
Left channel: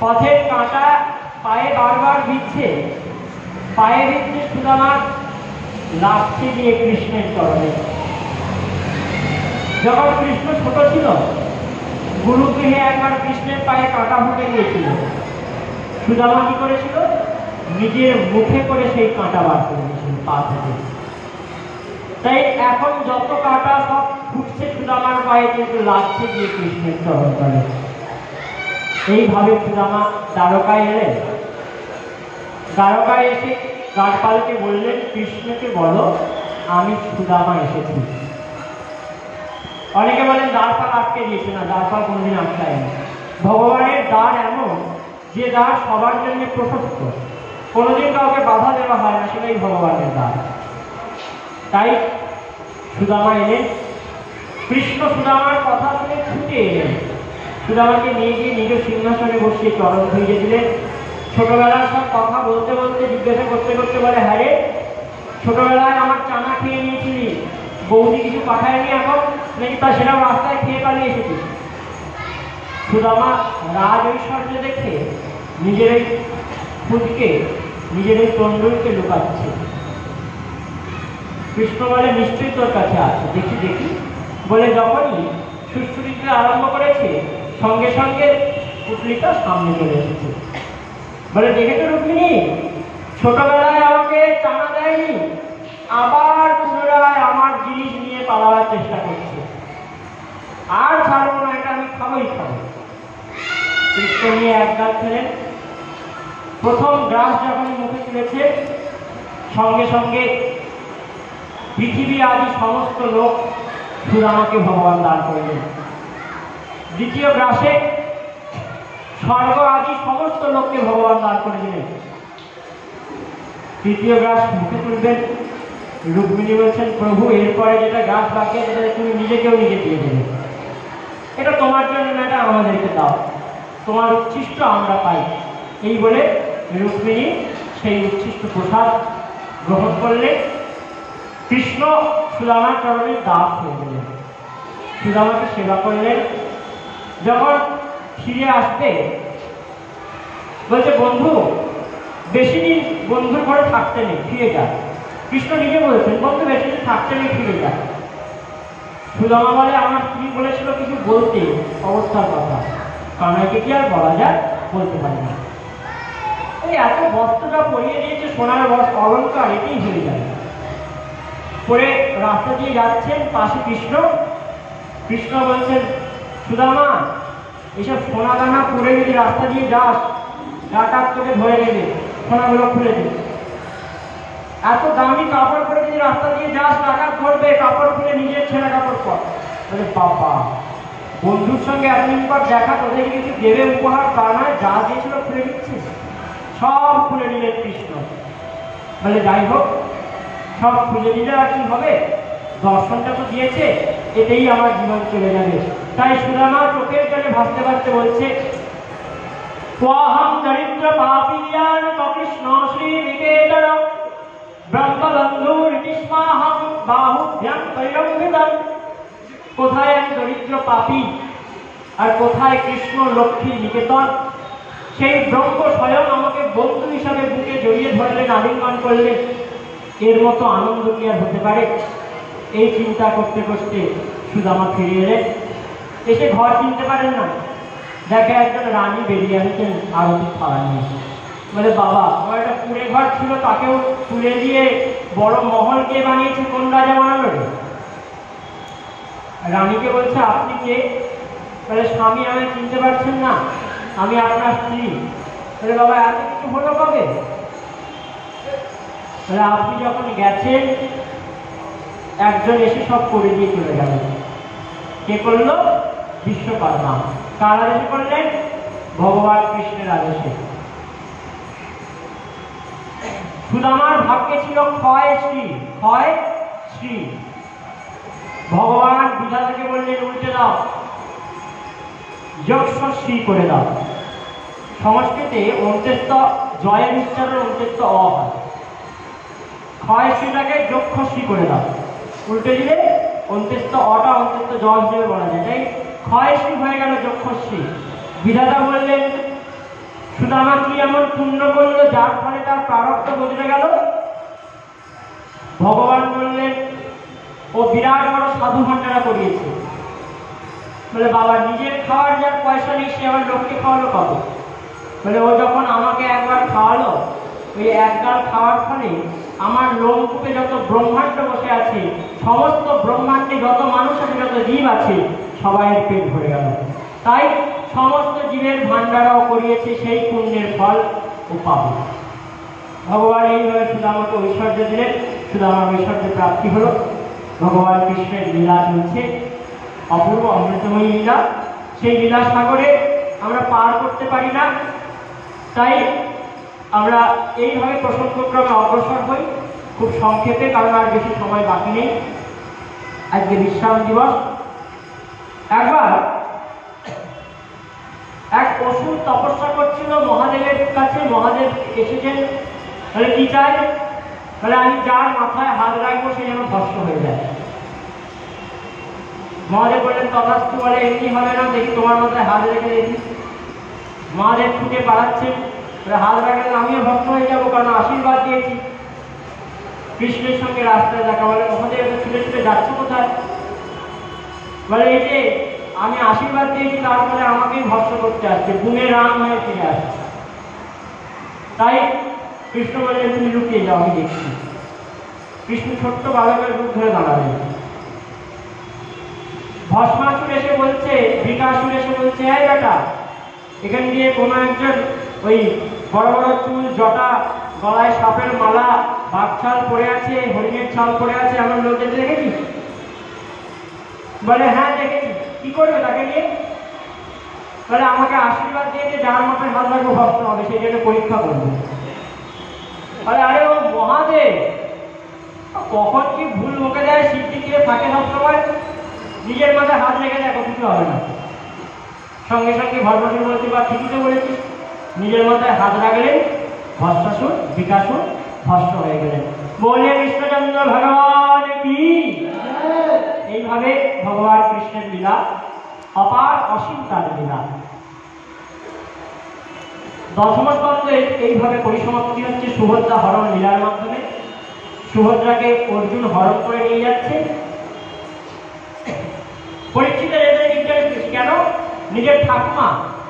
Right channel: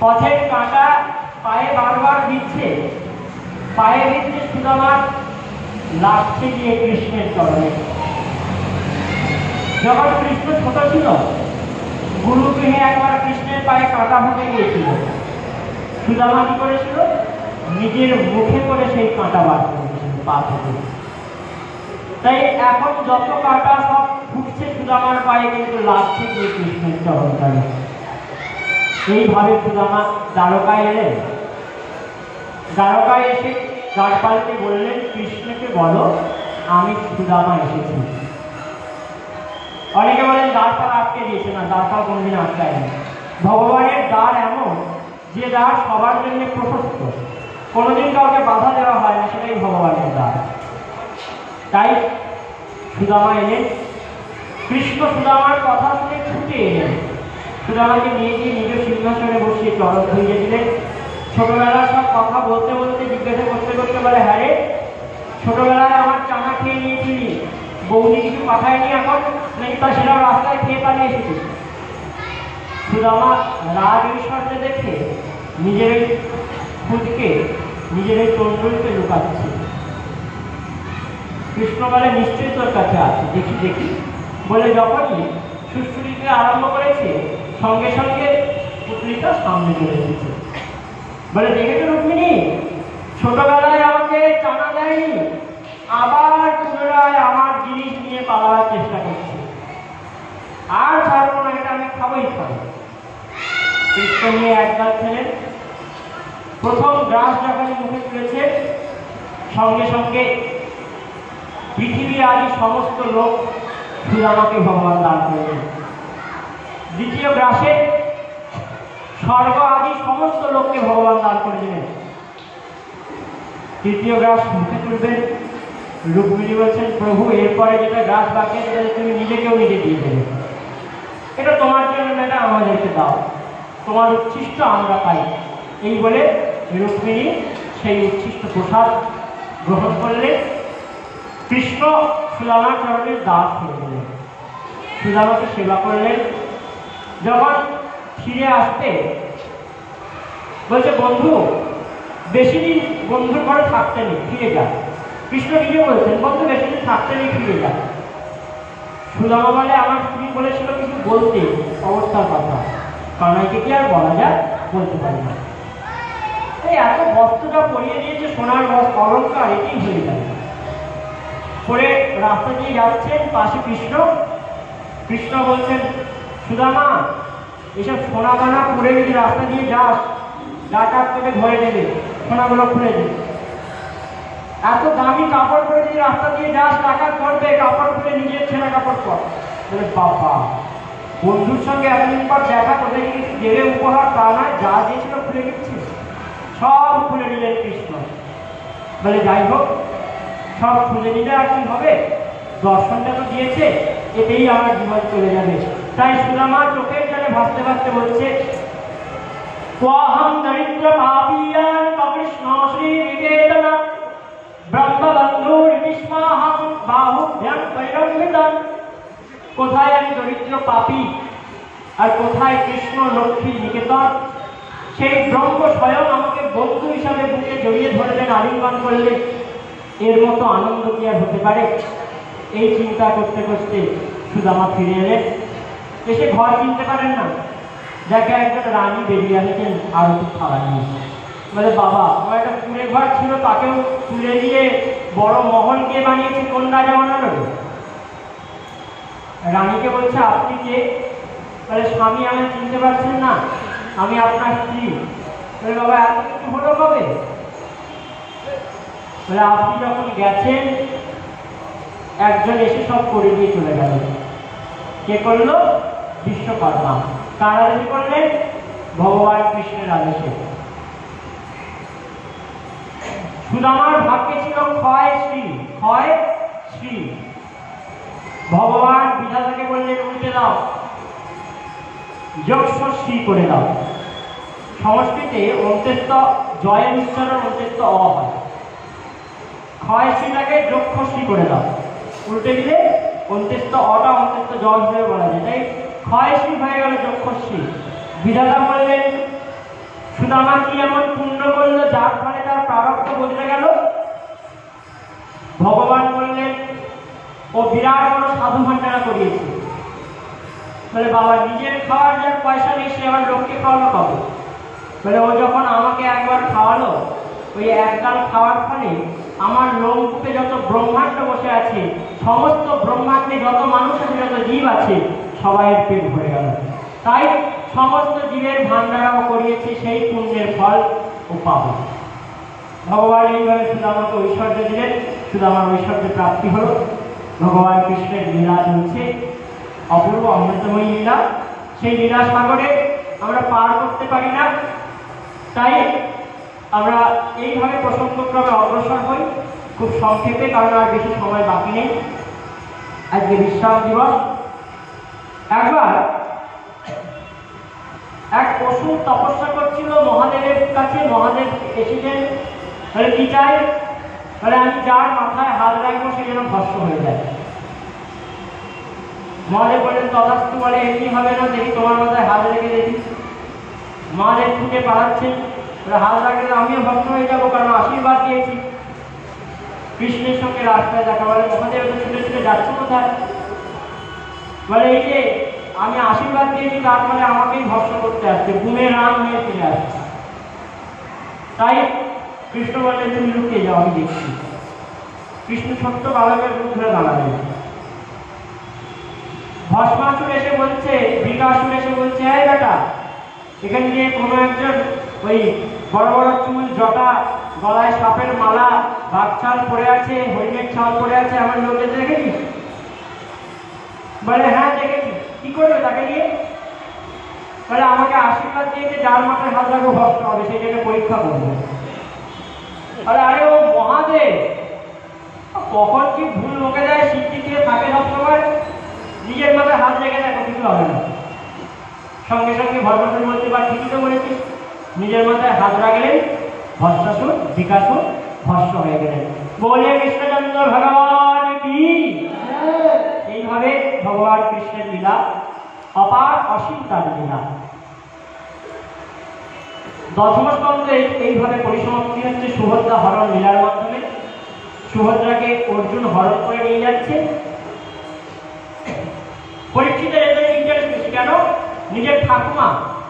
পথের কাঁটা পায়ে বারবার দিচ্ছে, পায়ে দিচ্ছে সুদামার, লাগছে গিয়ে কৃষ্ণের চরণে। যখন কৃষ্ণ ছোট ছিল, গুরুগৃহে একবার কৃষ্ণের পায়ে কাঁটা ফুটে গিয়েছিল। সুদামা কি করেছিল? নিজের মুখে করে সেই কাঁটা বার করেছিল পা থেকে। তাই এখন যত কাঁটা সব ফুটছে সুদামার পায়ে, কিন্তু লাগছে গিয়ে কৃষ্ণের চরণে। এইভাবে সুদামা দ্বারকায় এলেন। দ্বারকায় এসে দ্বারপালকে বললেন কৃষ্ণকে বলো আমি সুদামা এসেছি। অনেকে বলেন দ্বারপাল আটকে দিয়েছে, না, দ্বারপাল কোনোদিন আটকায়নি। ভগবানের দ্বার এমন যে দ্বার সবার জন্য প্রশস্ত, কোনোদিন কাউকে বাধা দেওয়া হয় না, সেটাই ভগবানের দ্বার। তাই সুদামা এলেন। কৃষ্ণ সুদামার কথা শুনে ছুটে এলেন। সুদামাকে নিয়ে গিয়ে নিজ সিংহাসনে বসিয়ে চরণ ধুইয়ে দিলেন। ছোটবেলার সব কথা বলতে বলতে জিজ্ঞাসা করতে করতে বলে হ্যাঁ রে, ছোটবেলায় আমার চানা খেয়ে নিয়েছিলি, বৌদি কিছু পাঠায়নি এখন নাকি? তা সেটাও রাস্তায় খেয়ে পালিয়ে এসেছিস। সুদামা রাজ ঐশ্বর্য দেখে নিজের এই ফুটকে, নিজের এই তন্ডুলকে লুকাচ্ছে। কৃষ্ণ বলে নিশ্চয়ই তোর কাছে আছে, দেখি দেখি। বলে যখনই সুশ্রুতিতে আরম্ভ করেছে সঙ্গে সঙ্গে পুতলিটা সামনে চলে এসেছে। বলে দেখেছো রুক্মিণী, ছোটবেলায় আমাকে চানা দেয়নি, আবার পুনরায় আমার জিনিস নিয়ে পালাবার চেষ্টা করছে। আর ছাড়বো না, এটা আমি খাবোই খাবো। কৃষ্ণ নিয়ে একদল ছিলেন। প্রথম গ্রাস যখন মুখে তুলেছে, সঙ্গে সঙ্গে পৃথিবী আদি সমস্ত লোক সুদামাকে ভগবান দান করলেন। দ্বিতীয় গ্রাসে স্বর্গ আদি সমস্ত লোককে ভগবান দান করে দিলেন। তৃতীয় গ্রাস মুখে তুলবেন, রুক্মিণী বলছেন, প্রভু এরপরে যেটা গাছ বাকি সেটা তুমি নিজেকেও নিজে দিয়ে দেবে, এটা তোমার জন্য না, এটা আমাদেরকে দাও, তোমার উচ্ছিষ্ট আমরা পাই। এই বলে রুক্মিণী সেই উচ্ছিষ্ট প্রসাদ গ্রহণ করলে। কৃষ্ণ সুদামার চরণের দাস হয়ে গেলেন, সুদামাকে সেবা করলেন। যখন ফিরে আসতে বলছে, বন্ধু বেশি দিন বন্ধুর ঘরে থাকতে নেই, ফিরে যা। কৃষ্ণ নিজে বলেছেন, বন্ধু বেশি দিন থাকতে নেই, ফিরে যা। সুদামা বলে, আমার স্ত্রী বলেছিল কিছু বলতে অবস্থার কথা, কারণ একে কি আর বলা যায়, বলতে পারি না। এই এত বস্ত্রটা পরিয়ে দিয়েছে, সোনার বস্ত্র, অলঙ্কার, এটাই হয়ে যায়। পরে রাস্তা দিয়ে যাচ্ছেন, পাশে কৃষ্ণ। কৃষ্ণ বলছেন, সুদামা এসব সোনা দানা পরে যদি রাস্তা দিয়ে যাস, ডাকাত তোকে ধরে নেবে, সোনাগুলো খুলে দেবে। এত দামি কাপড় পরে যদি রাস্তা দিয়ে যাস, ডাকাত ধরবে, কাপড় খুলে নিজের ছেঁড়া কাপড় পর। বলে, বাবা বন্ধুর সঙ্গে এতদিন পর দেখা, তোদেরকে কিছু দেবে উপহার, তা নয়, যা দিয়েছিল খুলে দিচ্ছে, সব খুলে নিলেন কৃষ্ণ। বলে, যাই হোক, সব খুলে নিলে আর কি হবে, দর্শনটা তো দিয়েছে, এতেই আমার জীবন চলে যাবে। তাই সুদামা চোখের জলে ভাসতে ভাসতে বলছে, দরিদ্র পাপিয়ান কৃষ্ণ শ্রী বিজেতন ব্রহ্মবন্ধুর বিস্মাহম বাহুভ্যাম পরিরম্ভিতম। কোথায় আমি দরিদ্র পাপী, আর কোথায় কৃষ্ণ লক্ষ্মীর নিকেতন। সেই ব্রহ্ম স্বয়ং আমাকে বন্ধু হিসাবে বুকে জড়িয়ে ধরলেন, আলিঙ্গন করলেন, এর মতো আনন্দ কি আর হতে পারে। এই চিন্তা করতে করতে সুদামা ফিরে এলেন। এসে ঘর কিনতে পারেন না, দেখা একজন রানী বেরিয়ে আসছেন আরতি খাওয়া নিয়ে। বলে, বাবা আমার একটা কুড়ে ঘর ছিল, তাকেও তুলে দিয়ে বড় মহল কে বানিয়েছে, কোন রাজা বানালো? রানীকে বলছে, আপনি কে? বলে, স্বামী আমি চিনতে পারছেন না, আমি আপনার স্ত্রী। বলে, বাবা এত কিছু হলো কবে? বলে, আপনি যখন গেছেন একজন এসে সব করে দিয়ে চলে গেল। কে করলো? বিশ্বকর্মা। কার আদেশে করলেন? ভগবান কৃষ্ণের আদেশে। সুদামার ভাগ্যে ছিল ক্ষয় শ্রী, ক্ষয় শ্রী। ভগবান বিধাতাকে বললেন, উল্টে দাও, যক্ষ শ্রী করে দাও। সংস্কৃতে অন্ত্যেষ্ট জয়ের উচ্চারণ অন্ত্যেষ্ট অ হয়, ক্ষয় শ্রীটাকে যক্ষ শ্রী করে দাও, উল্টে দিলে অন্ত্যেষ্ট অটা অন্ত্যেষ্ট জ হিসেবে বলা যায়, তাই ক্ষয় শ্রী হয়ে গেল যক্ষ শ্রী। বিধাতা বললেন, সুদামা কি এমন পুণ্য করলো যার ফলে তার প্রারব্ধ বদলে গেল? ভগবান বললেন, ও বিরাট বড় সাধু ভান্ডারা করিয়েছে। বলে, বাবা নিজের খাওয়ার যার পয়সা নেই, সে আবার লোককে খাওয়ালো কবে? বলে, ও যখন আমাকে একবার খাওয়ালো, ওই একগাল খাওয়ার ফলে আমার লোমকূপে যত ব্রহ্মাণ্ড বসে আছে, সমস্ত ব্রহ্মাণ্ডে যত মানুষ আছে, যত জীব আছে, সবাইয়ের পেট ভরে গেল। তাই সমস্ত জীবের ভান্ডারাও করিয়েছে, সেই পুণ্যের ফল ও পাবে। ভগবান এইভাবে সুদামাকে ঐশ্বর্য দিলেন, সুদামার ঐশ্বর্য প্রাপ্তি হল। ভগবান কৃষ্ণের লীলা চলছে, অপূর্ব অমৃতময়ী লীলা। সেই লীলা সাগরে আমরা পার করতে পারি না, তাই আমরা এইভাবে প্রসঙ্গক্রমে অগ্রসর হই খুব সংক্ষেপে, কারণ আর বেশি সময় বাকি নেই। আজকে বিশ্রাম দিবস। একবার এক অসুর তপস্যা করছিল মহাদেবের কাছে। মহাদেব এসেছেন, তাহলে কি চাই? তাহলে আমি যার মাথায় হাত রাখবো সে যেন ভস্ম হয়ে যায়। মহাদেব বলেন, তথাস্তু। বলে, এমনি হবে না, দেখি তোমার মাথায় হাত রেখে দেখি। মহাদেব খুঁজে পালাচ্ছেন, হাত রাখলে আমিও ভস্ম হয়ে যাবো, কারণ আশীর্বাদ দিয়েছি। কৃষ্ণের সঙ্গে রাস্তায় দেখা। বলে, মহাদেব ছুটে ছুটে যাচ্ছে কোথায়? বলে, এই যে আমি আশীর্বাদ দিয়েছি, তার ফলে আমাকেই ভস্ম করতে আসছে, গুণের রাম হয়ে ফিরে আসছে। তাই কৃষ্ণ বললেন, তুমি লুকিয়ে যাও, আমি দেখছি। কৃষ্ণ ছোট্ট বালকের রূপ ধরে দাঁড়ালেন। ভস্মাসুর এসে বলছে, বৃকাসুর এসে বলছে, হ্যাঁ বেটা, এখান দিয়ে কোনো একজন ওই বড় বড় চুল, জটা, গলায় সাপের মালা, বাঘ ছাল পড়ে আছে, হরিণের ছাল পড়ে আছে, আমার লোকে দেখেছিস? বলে, হ্যাঁ দেখেছি। কি করবে তাকে নিয়ে? বলে, আমাকে আশীর্বাদ দিয়েছে, যার মাথায় হাত রাখবো ভস্ম হবে, সেই জন্য পরীক্ষা করবো। বলে, আরে ও মহাদেব, কখন কি ভুল বকে দেয় সিদ্ধি দিয়ে থাকে সবসময়, নিজের মাথায় হাত রেখে দেখো কিছু হবে না, সঙ্গে সঙ্গে ভরভর বলতে বা ঠিকই তো বলেছিস, নিজের মাথায় হাত রাখলেন ভস্মাসুর বিকাশুর ভস্ম হয়ে গেলেন। বলে কৃষ্ণচন্দ্র ভগবান কি। এইভাবে ভগবান কৃষ্ণের লীলা অপার অসীম, তার লীলা। দশম স্কন্ধে এইভাবে পরিসমাপ্তি হচ্ছে সুভদ্রা হরণ লীলার মাধ্যমে। সুভদ্রাকে অর্জুন হরণ করে নিয়ে যাচ্ছে। পরীক্ষিতের এদের ইন্টারেস্ট বেশি কেন? নিজের ঠাকুমা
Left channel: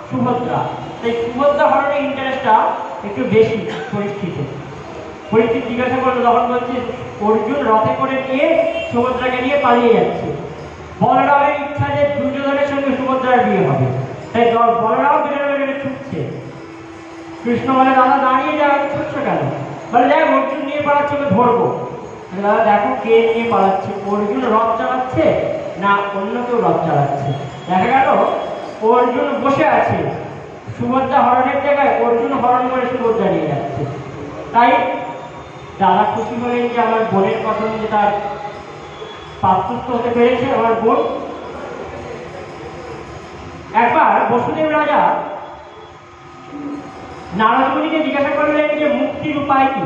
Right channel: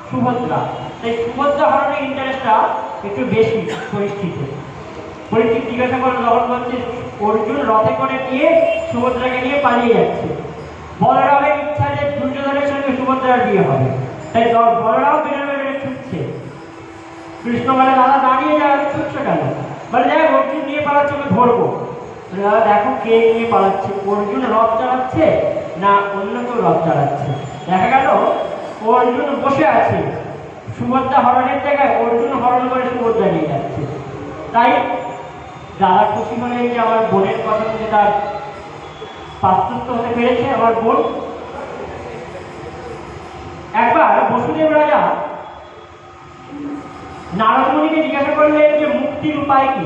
সুভদ্রা, তাই সুভদ্রা হরণের ইন্টারেস্টটা একটু বেশি পরীক্ষিতে। পরীক্ষিত জিজ্ঞাসা করলো, তখন বলছে অর্জুন রথে করে নিয়ে সুভদ্রাকে নিয়ে পালিয়ে যাচ্ছে। বলরামের ইচ্ছা যে দুর্যোধনের সঙ্গে সুভদ্রার বিয়ে হবে, তাই বলরাম বেরোবে ছুটছে। কৃষ্ণ বলে, দাদা দাঁড়িয়ে যায়, ছুটছো কেন? বলে, যাই অর্জুন নিয়ে পালাচ্ছে, ওকে ধরবো। দাদা দেখো কে নিয়ে পালাচ্ছে, অর্জুন রথ চালাচ্ছে না অন্য কেউ রথ চালাচ্ছে। দেখা গেল অর্জুন বসে আছে, সুভদ্রা হরণের জায়গায় অর্জুন হরণ করে সুভদ্রা নিয়ে যাচ্ছে। তাই দাদা খুশি হলেন যে আমার বোনের কথা মধ্যে তার পাত্রস্থ হতে পেরেছে আমার বোন। একবার বসুদেব রাজা নারদ মুনিকে জিজ্ঞাসা করলেন যে মুক্তির উপায় কি?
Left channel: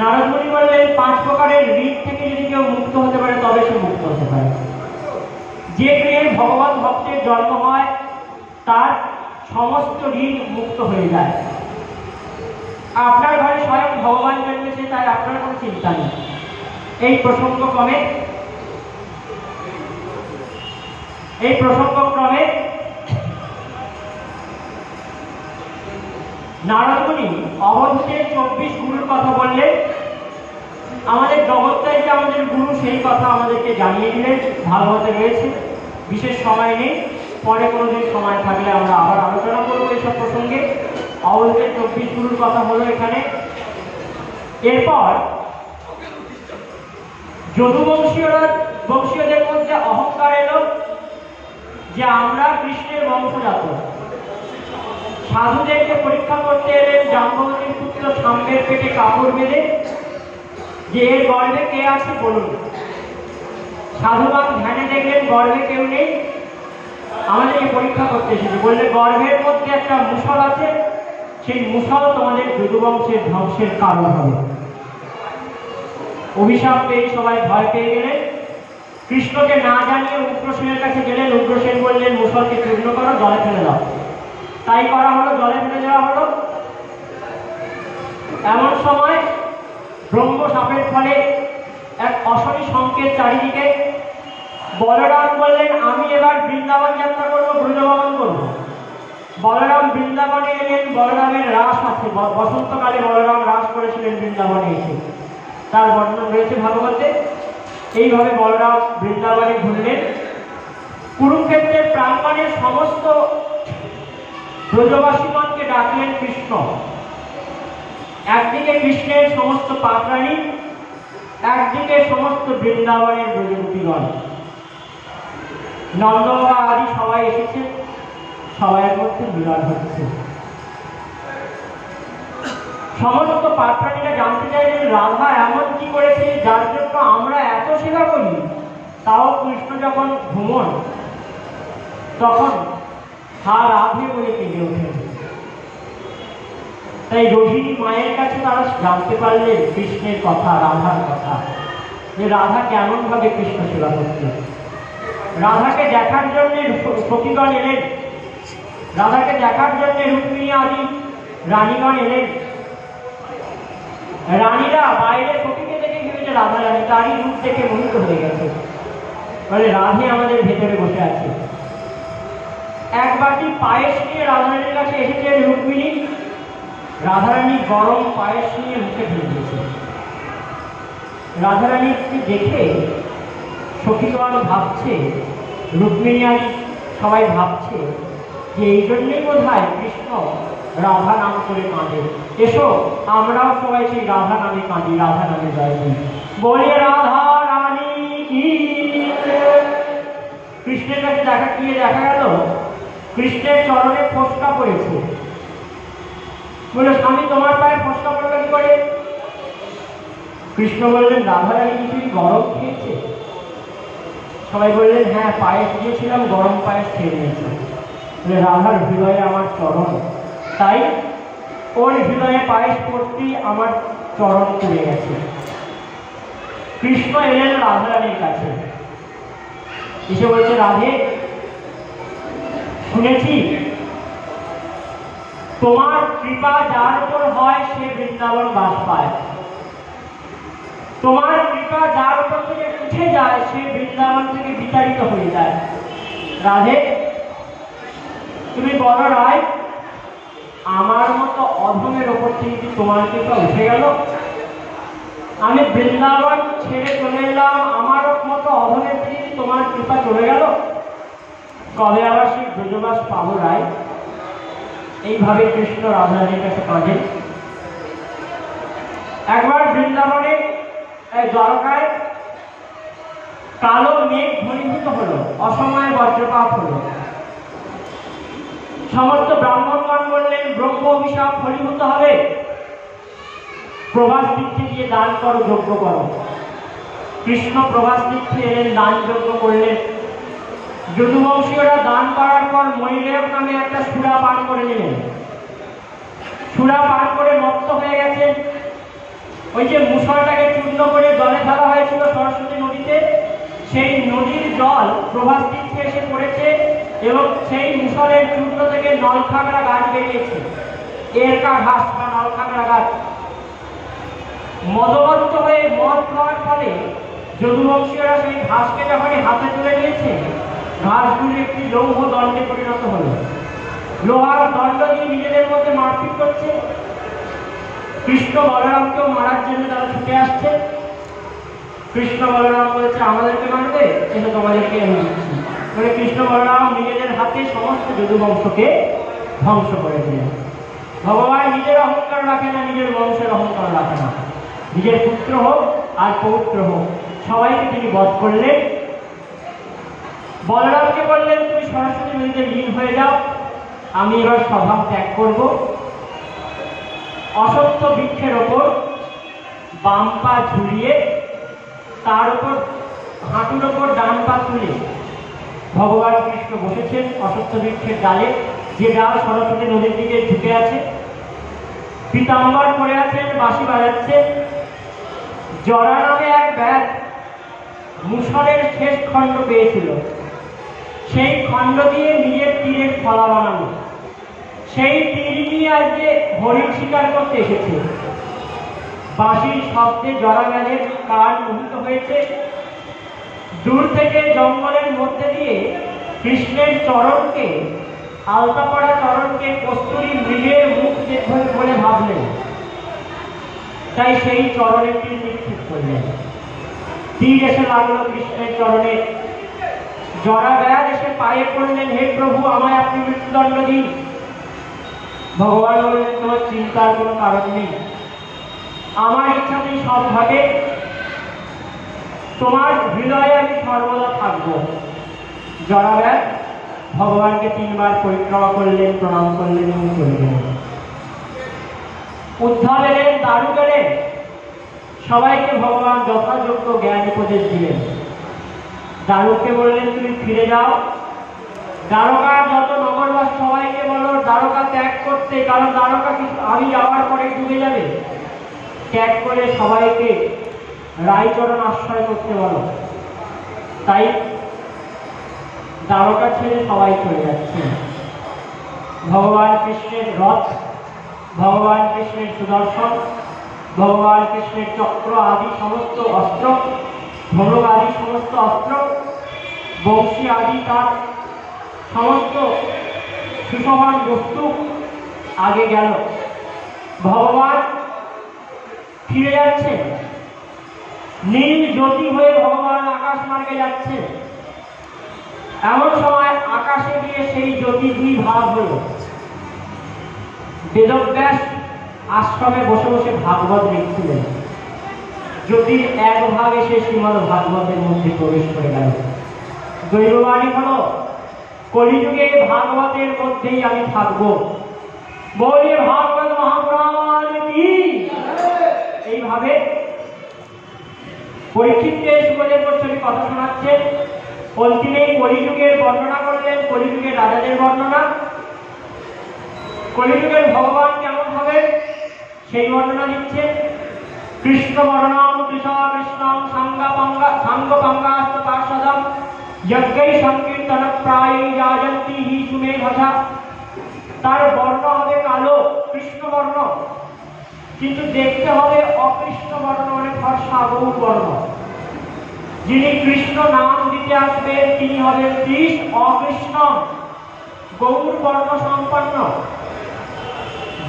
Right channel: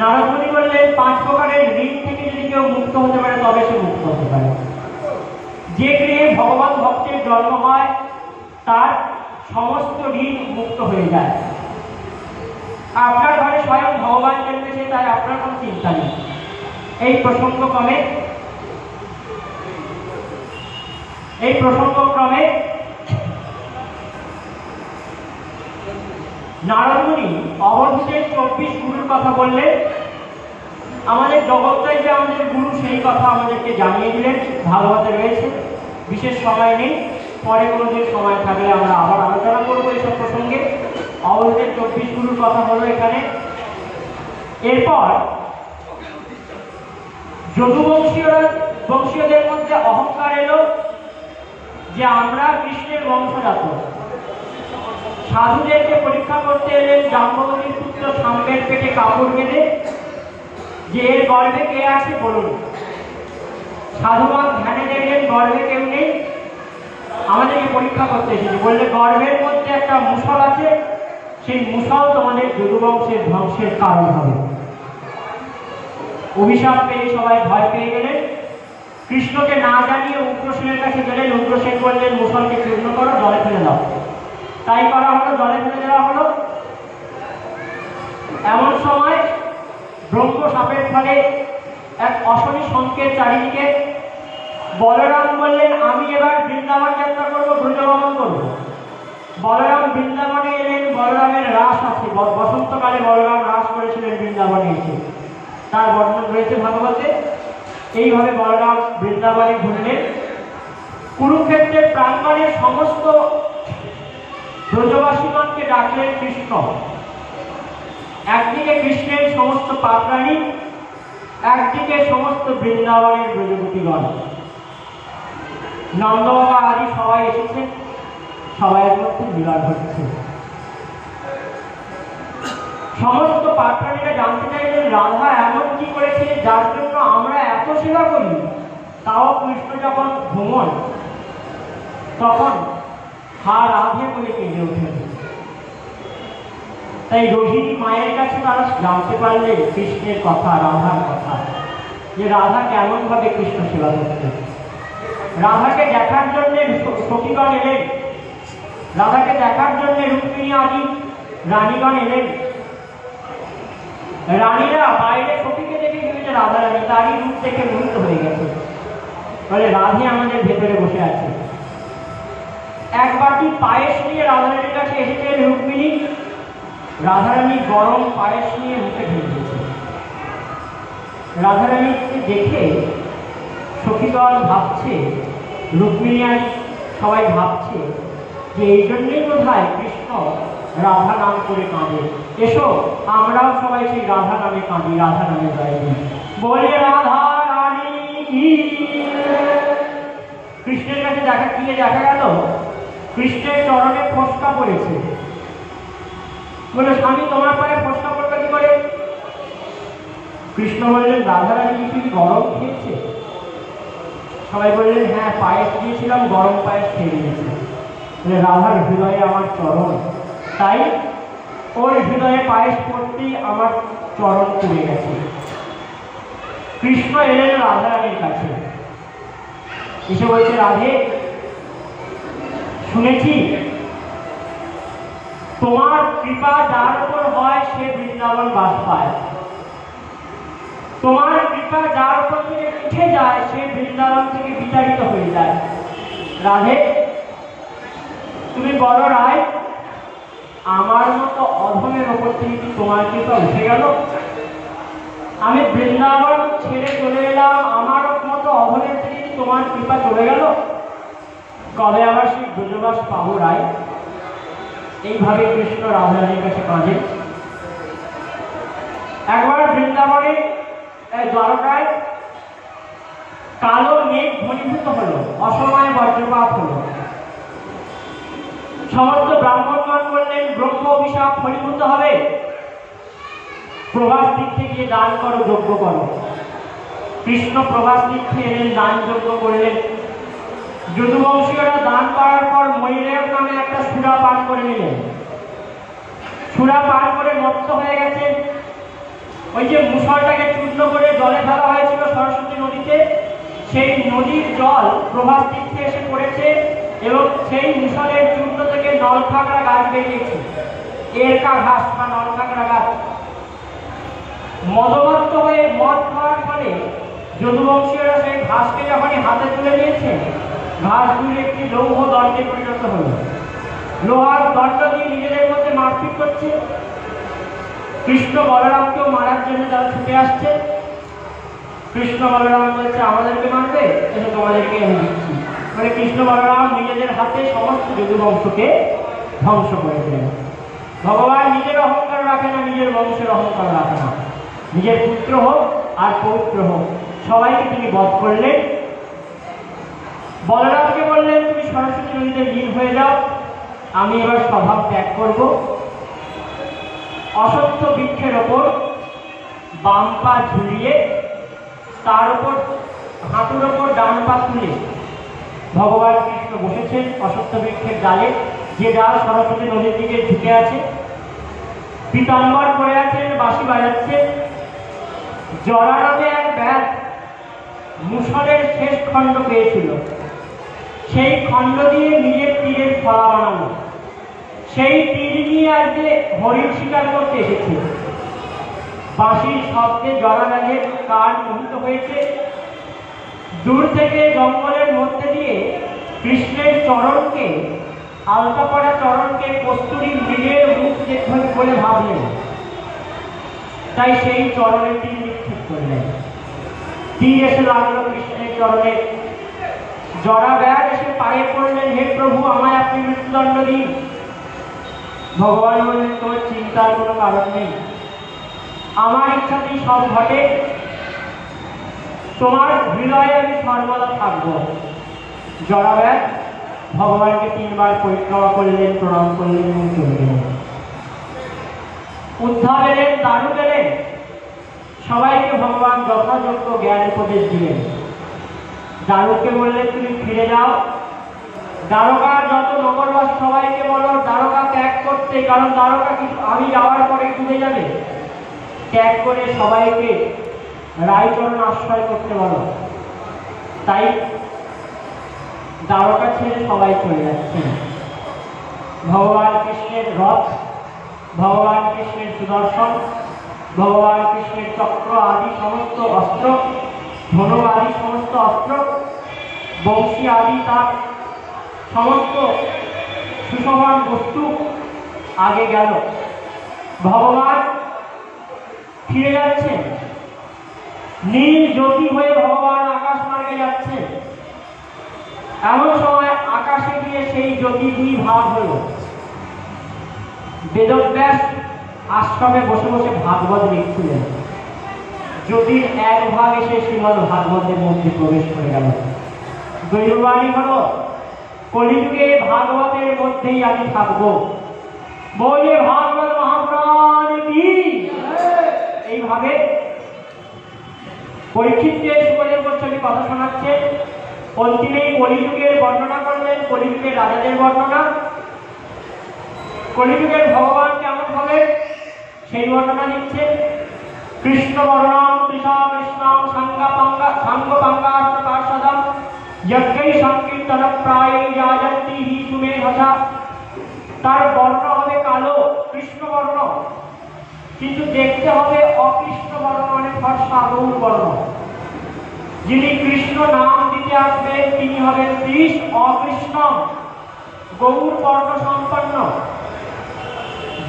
নারদ মুনি বললেন 5 প্রকারের ঋণ থেকে যদি কেউ মুক্ত হতে পারে তবে সে মুক্ত হতে পারে। যে গৃহে ভগবান ভক্তের জন্ম হয় তার সমস্ত ঋণ মুক্ত হয়ে যায়। আপনার ঘরে স্বয়ং ভগবান জন্মেছে, তাই আপনার কোনো চিন্তা নেই। এই প্রসঙ্গক্রমে নারদ মুনি অবশ্যই 24 গুরুর কথা বললেন। আমাদের জগৎটাই যে আমাদের গুরু সেই কথা আমাদেরকে জানিয়ে দিলেন, ভাগবতে রয়েছে। বিশেষ সময় নেই, পরে কোনোদিন সময় থাকলে আমরা আবার আলোচনা করবো এইসব প্রসঙ্গে। অবশ্যই 24 গুরুর কথা হলো এখানে। এরপর যদুবংশীয়দের মধ্যে অহংকার এলো যে আমরা কৃষ্ণের বংশজাত। সাধুদেরকে পরীক্ষা করতে এলেন জাম্ববতীর পুত্র সাম্বের পেটে কাপড় বেঁধে, যে এর গর্ভে কে আছে বলুন। সাধুবান ধ্যানে দেখলেন গর্ভে কেউ নেই, আমাদেরকে পরীক্ষা করতে এসেছে। বললে গর্ভের মধ্যে একটা মুসল আছে, সেই মুসল তোমাদের যদুবংশের ধ্বংসের কারণ হবে। অভিশাপ পেয়ে সবাই ভয় পেয়ে গেলেন। কৃষ্ণকে না জানিয়ে উগ্রসেনের কাছে গেলেন। উগ্রসেন বললেন মুসলকে তীর্ণ করো, জলে ফেলে দাও। তাই করা হলো, জলে ফেলে দেওয়া হলো। এমন সময় ব্রহ্ম সাপের ফলে এক অশনি সংকেত চারিদিকে। বলরাম বললেন আমি এবার বৃন্দাবন যাত্রা করবো, ব্রজভ্রমণ করবো। বলরাম বৃন্দাবনে এলেন। বলরামের রাস আছে, বসন্তকালে বলরাম রাস করেছিলেন বৃন্দাবনে এসে, তার বর্ণনা রয়েছে ভাগবতে। এইভাবে বলরাম বৃন্দাবনে ঘুরলেন। কুরুক্ষেত্রের প্রাঙ্গণের সমস্ত ব্রজবাসীগণকে ডাকলেন কৃষ্ণ। একদিকে কৃষ্ণের সমস্ত পাপরাণী, একদিকে সমস্ত বৃন্দাবনের ব্রজগোপীগণ, নন্দবাবা আদি সবাই এসেছে। সবাইয়ের মধ্যে মিলন হচ্ছে। সমস্ত পাত্রাণীরা জানতে চাইলেন রাধা এমন কি করেছে যার জন্য আমরা এত সেবা করি, তাও কৃষ্ণ যখন ঘুমন তখন হা রাধে বলে কেঁদে ওঠেন। তাই রোহিণী মায়ের কাছে তারা জানতে পারলেন কৃষ্ণের কথা, রাধার কথা, যে রাধা কেমন ভাবে কৃষ্ণ সেবা করছে। রাধাকে দেখার জন্য সখীগণ এলেন, রাধাকে দেখার জন্য রুক্মিণী আদি রানীগণ এলেন। রানীরা বাইরে সখীকে দেখে ভেবেছে রাধা রানী, তারই রূপ দেখে মোহিত হয়ে গেছে। বলে রাধে আমাদের ভেতরে বসে আছে। এক বাটি পায়েস নিয়ে রাধারানীর কাছে এসেছে রুক্মিণী। রাধারানী গরম পায়েস নিয়ে মুখে ঢেলে দিয়েছে। রাধারানীকে দেখে সখীগণ ভাবছে, রুক্মিণী আর সবাই ভাবছে যে এই জন্যই বোধহয় কৃষ্ণ রাধা নাম করে কাঁদে। এসো আমরাও সবাই সেই রাধা নামে কাঁদি, রাধা নামে গাই। বলে রাধা রানী কি। কৃষ্ণের কাছে দেখা গেল কৃষ্ণের চরণে ফোসকা পড়েছে। বলে স্বামী তোমার পায়ে ফোসকা পড়লো কি করে? কৃষ্ণ বললেন, রাধারানী কিছু গরম খেয়েছে? সবাই বললেন, হ্যাঁ, পায়েস দিয়েছিলাম, গরম পায়েস খেয়ে নিয়েছে। রাধার হৃদয়ে আমার চরণ, তাই ওর হৃদয়ে পায়েস পড়তেই আমার চরণ পুড়ে গেছে। কৃষ্ণ এলেন রাধারানীর কাছে, এসে বলছে, রাধে, শুনেছি তোমার কৃপা যার উপর হয় সে বৃন্দাবন বাস পায়, তোমার কৃপা যার উপর থেকে উঠে যায় সে বৃন্দাবন থেকে বিতাড়িত হয়ে যায়। রাধে, তুমি বলো রায়, আমার মতো অধমের ওপর থেকে কি তোমার কৃপা উঠে গেল? আমি বৃন্দাবন ছেড়ে চলে এলাম, আমার মতো অধমের থেকে কি তোমার কৃপা চলে গেল? কবে আবার সেই ব্রজবাস পাবো রায়? এইভাবে কৃষ্ণ রাধারানীর কাছে কাঁদেন। একবার বৃন্দাবনে দ্বারকায় কালো মেঘ ঘনীভূত হলো, অসময়ে বজ্রপাত হলো। সমস্ত ব্রাহ্মণগণ বললেন, ব্রহ্ম অভিশাপ ফলীভূত হবে, প্রভাস তীর্থে গিয়ে দান করো, যজ্ঞ করো। কৃষ্ণ প্রভাস তীর্থে এলেন, দান যজ্ঞ করলেন। যদুবংশীয়রা দান করার পর ময়ূরের নামে একটা সুরা পান করে নিলেন। সুরা পান করে মত্ত হয়ে গেছেন। ওই যে মুষলটাকে চূর্ণ করে জলে ঢালা হয়েছিল সরস্বতী নদীতে, সেই নদীর জল প্রভাস তীর্থে এসে পড়েছে এবং সেই মুষলের চূর্ণ থেকে নলখাগড়া গাছ বেরিয়েছে, এরকা ঘাস বা নলখাগড়া গাছ। মদমত্ত হয়ে মদ খাওয়ার ফলে যদুবংশীয়রা সেই ঘাসকে যখনই হাতে তুলে নিয়েছে, ঘাসগুলি একটি লৌহ দণ্ডে পরিণত হল। লোহার দণ্ড দিয়ে নিজেদের মধ্যে মারপিট করছে। কৃষ্ণ বলরামকেও মারার জন্য তারা ছুটে আসছে। কৃষ্ণ বলরাম বলছে, আমাদেরকে মারবে, কিন্তু তোমাদেরকে আমি দিচ্ছি। মানে কৃষ্ণ বলরাম নিজেদের হাতে সমস্ত যদুবংশকে ধ্বংস করে দিলেন। ভগবান নিজের অহংকার রাখে না, নিজের বংশের অহংকার রাখে না। নিজের পুত্র হোক আর পৌত্র হোক, সবাইকে তিনি বধ করলেন। বলরামকে বললেন, তুমি সরস্বতী নদীতে লীন হয়ে যাও, আমি এবার স্বভাব ত্যাগ করব। অসত্য বৃক্ষের ওপর বাম পা ঝুলিয়ে তার উপর হাঁটুর ওপর ডান পা তুলে ভগবান কৃষ্ণ বসেছেন অসত্য বৃক্ষের ডালে, যে ডাল সরস্বতী নদীর দিকে ঝুঁকে আছে। পীতাম্বর করে আছেন, বাঁশি বাজাচ্ছেন। জরা নামে এক ব্যাস মুষলের শেষ খণ্ড পেয়েছিল, সেই খণ্ড দিয়ে নিজের তীরের ফলা বানানো। সেই তীর নিয়ে আজকে হরিণ শিকার করতে এসেছে। বাঁশির শব্দে জরা গাছের কান মোহিত হয়েছে। দূর থেকে জঙ্গলের মধ্যে দিয়ে কৃষ্ণের চরণকে, আলতা পড়া চরণকে কস্তুরী মৃগের মুখ দেখবেন বলে ভাবলেন, তাই সেই চরণে তীর নিক্ষেপ করলেন। তীর এসে লাগলো কৃষ্ণের চরণে। জরা ব্যাগ এসে পায়ে পড়লেন, হে প্রভু, আমায় আপনি মৃত্যুদণ্ড দিন। ভগবান বললেন, তোমার চিন্তার কোনো কারণ নেই, আমার ইচ্ছাতেই সব ঘটে, তোমার হৃদয়ে আমি সর্বদা থাকবো। জরা ব্যাগ ভগবানকে 3 বার পরিক্রমা করলেন, প্রণাম করলেন এবং চলে গেলেন। উদ্ধার এলেন, দারু গেলেন, সবাইকে ভগবান যথাযোগ্য জ্ঞান উপদেশ দিলেন। দারুকে বললেন, তুমি ফিরে যাও, দ্বারকার যত নগরবাস সবাইকে বলো দ্বারকা ত্যাগ করতে, কারণ দ্বারকা আমি যাওয়ার পরে ডুবে যাবে। ত্যাগ করে সবাইকে রায়চরণ আশ্রয় করতে বলো। তাই দ্বারকা ছেড়ে সবাই চলে যাচ্ছে। ভগবান কৃষ্ণের রথ, ভগবান কৃষ্ণের সুদর্শন, ভগবান কৃষ্ণের চক্র আদি সমস্ত অস্ত্র, ধনুক আদি সমস্ত অস্ত্র, বংশী আদি তার সমস্ত সুশোভন বস্তু আগে গেল। ভগবান ফিরে যাচ্ছেন, নীল জ্যোতি হয়ে ভগবান আকাশ মার্গে যাচ্ছেন। এমন সময় আকাশে গিয়ে সেই জ্যোতি 2 ভাগ হল। বেদব্যাস আশ্রমে বসে বসে ভাগবত লিখছিলেন। জ্যোতির 1 ভাগ এসে শ্রীমদ্ ভাগবতের মধ্যে প্রবেশ করে গেল। দৈববাণী হলো, কলিযুগে ভাগবতের মধ্যেই আমি থাকবো, বলে ভাগবত মহাপুরাণ কি। এইভাবে পরীক্ষিতকে সুখদেব গোস্বামী কথা শোনাচ্ছেন। অন্তিমে কলিযুগের বর্ণনা করলেন, কলিযুগের রাজাদের বর্ণনা, কলিযুগের ভগবান কেমন হবে সেই বর্ণনা দিচ্ছেন। কৃষ্ণ বর্ণম কৃষ্ণ কৃষ্ণম সাঙ্গপাঙ্গাস্তপার্ষদম যজ্ঞৈ সংকীর্তন প্রায় যাজন্তি হি সুমেধসা। তার বর্ণ হবে কালো, কৃষ্ণ বর্ণ, কিন্তু দেখতে হবে অকৃষ্ণ বর্ণ, মানে ফর্সা গৌর বর্ণ। যিনি কৃষ্ণ নাম দিতে আসবেন তিনি হবেন কৃষ্ণ অকৃষ্ণ গৌর বর্ণ সম্পন্ন।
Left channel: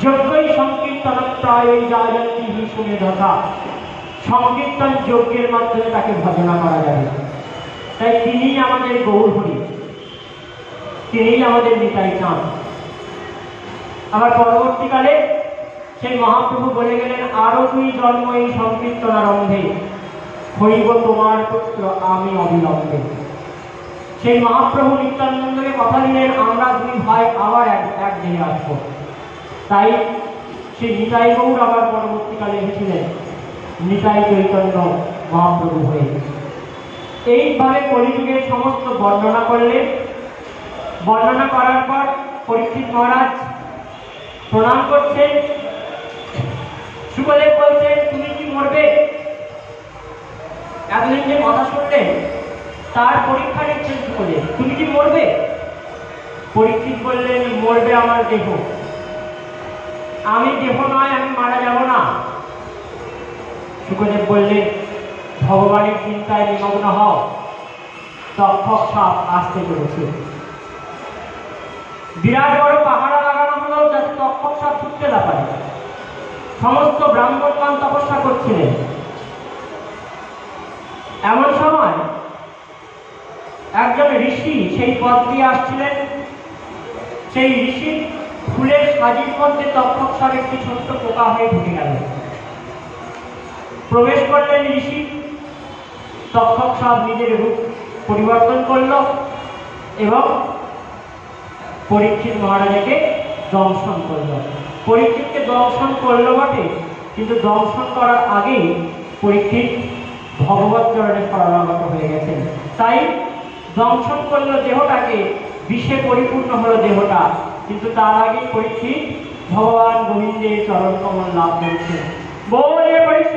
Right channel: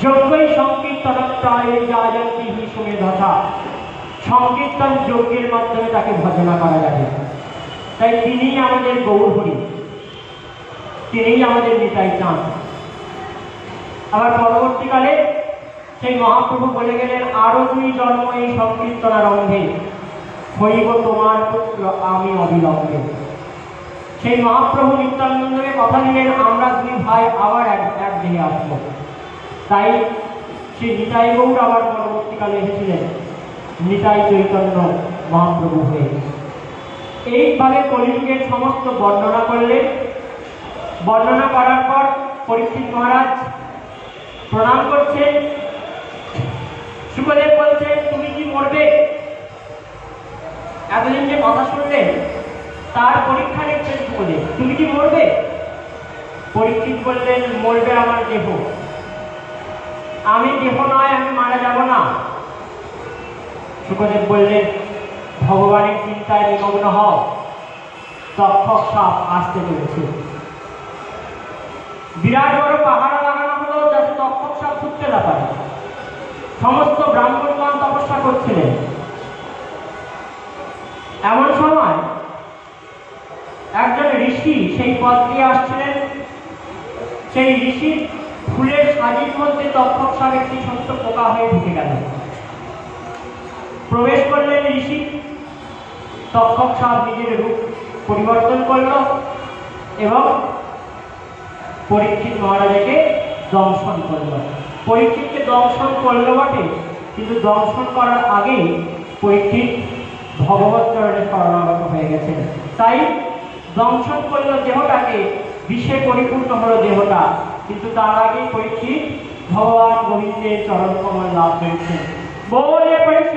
যজ্ঞই সংকীর্তন প্রায় যাজন্তি হি সুমেধসা, সংকীর্তন যজ্ঞের মাধ্যমে তাকে ভজনা করা যাবে। তাই তিনিই আমাদের গৌর হরি, তিনিই আমাদের নিতাই চাঁদ। আবার পরবর্তীকালে সেই মহাপ্রভু বলে গেলেন, আরো দুই জন্ম এই সংকীর্তন আরম্ভে, হইব তোমার পুত্র আমি অবিলম্বে। সেই মহাপ্রভু নিত্যানন্দকে কথা দিলেন, আমরা দুই ভাই আবার এক দেহে আসবো। তাই সেই নিতাই গৌর আবার পরবর্তীকালে এসেছিলেন নিতাই চৈতন্য মহাপ্রভু হয়ে। এইভাবে কলিযুগের সমস্ত বর্ণনা করলেন। বর্ণনা করার পর পরীক্ষিত মহারাজ প্রণাম করছেন। সুখদেব বলছেন, তুমি কি মরবে? এতদিন যে কথা শুনলেন তার পরীক্ষা নিচ্ছেন সুখদেব, তুমি কি মরবে? পরীক্ষিত বললেন, মরবে আমার দেহ, আমি দেহ নয়, আমি মারা যাব না। সুখদেব বললেন, ভগবানের চিন্তায় নিমগ্ন হও, তক্ষক সাপ আসতে চলেছে। বিরাট বড় পাহাড়া লাগানো হলো যাতে তক্ষক সাপ ছুটতে না পারে। সমস্ত ব্রাহ্মণগণ তপস্যা করছিলেন। এমন সময় একজন ঋষি সেই পথ দিয়ে আসছিলেন। সেই ঋষির ফুলের সাজির মধ্যে তক্ষক সাপ একটি ছোট্ট পোকা হয়ে ঢুকে গেল। প্রবেশ করলেন ঋষি, তক্ষক সাপ নিজের রূপ পরিবর্তন করল এবং পরীক্ষিত মহারাজকে দংশন করল। পরীক্ষিতকে দংশন করলো বটে, কিন্তু দংশন করার আগেই পরীক্ষিত ভগবত চরণে শরণাগত হয়ে গেছেন। তাই দংশন করলো দেহটাকে, বিষে পরিপূর্ণ হলো দেহটা, কিন্তু তার আগেই পরীক্ষিত ভগবান গোবিন্দের চরণ কমল লাভ করেছেন। বলে পরীক্ষিত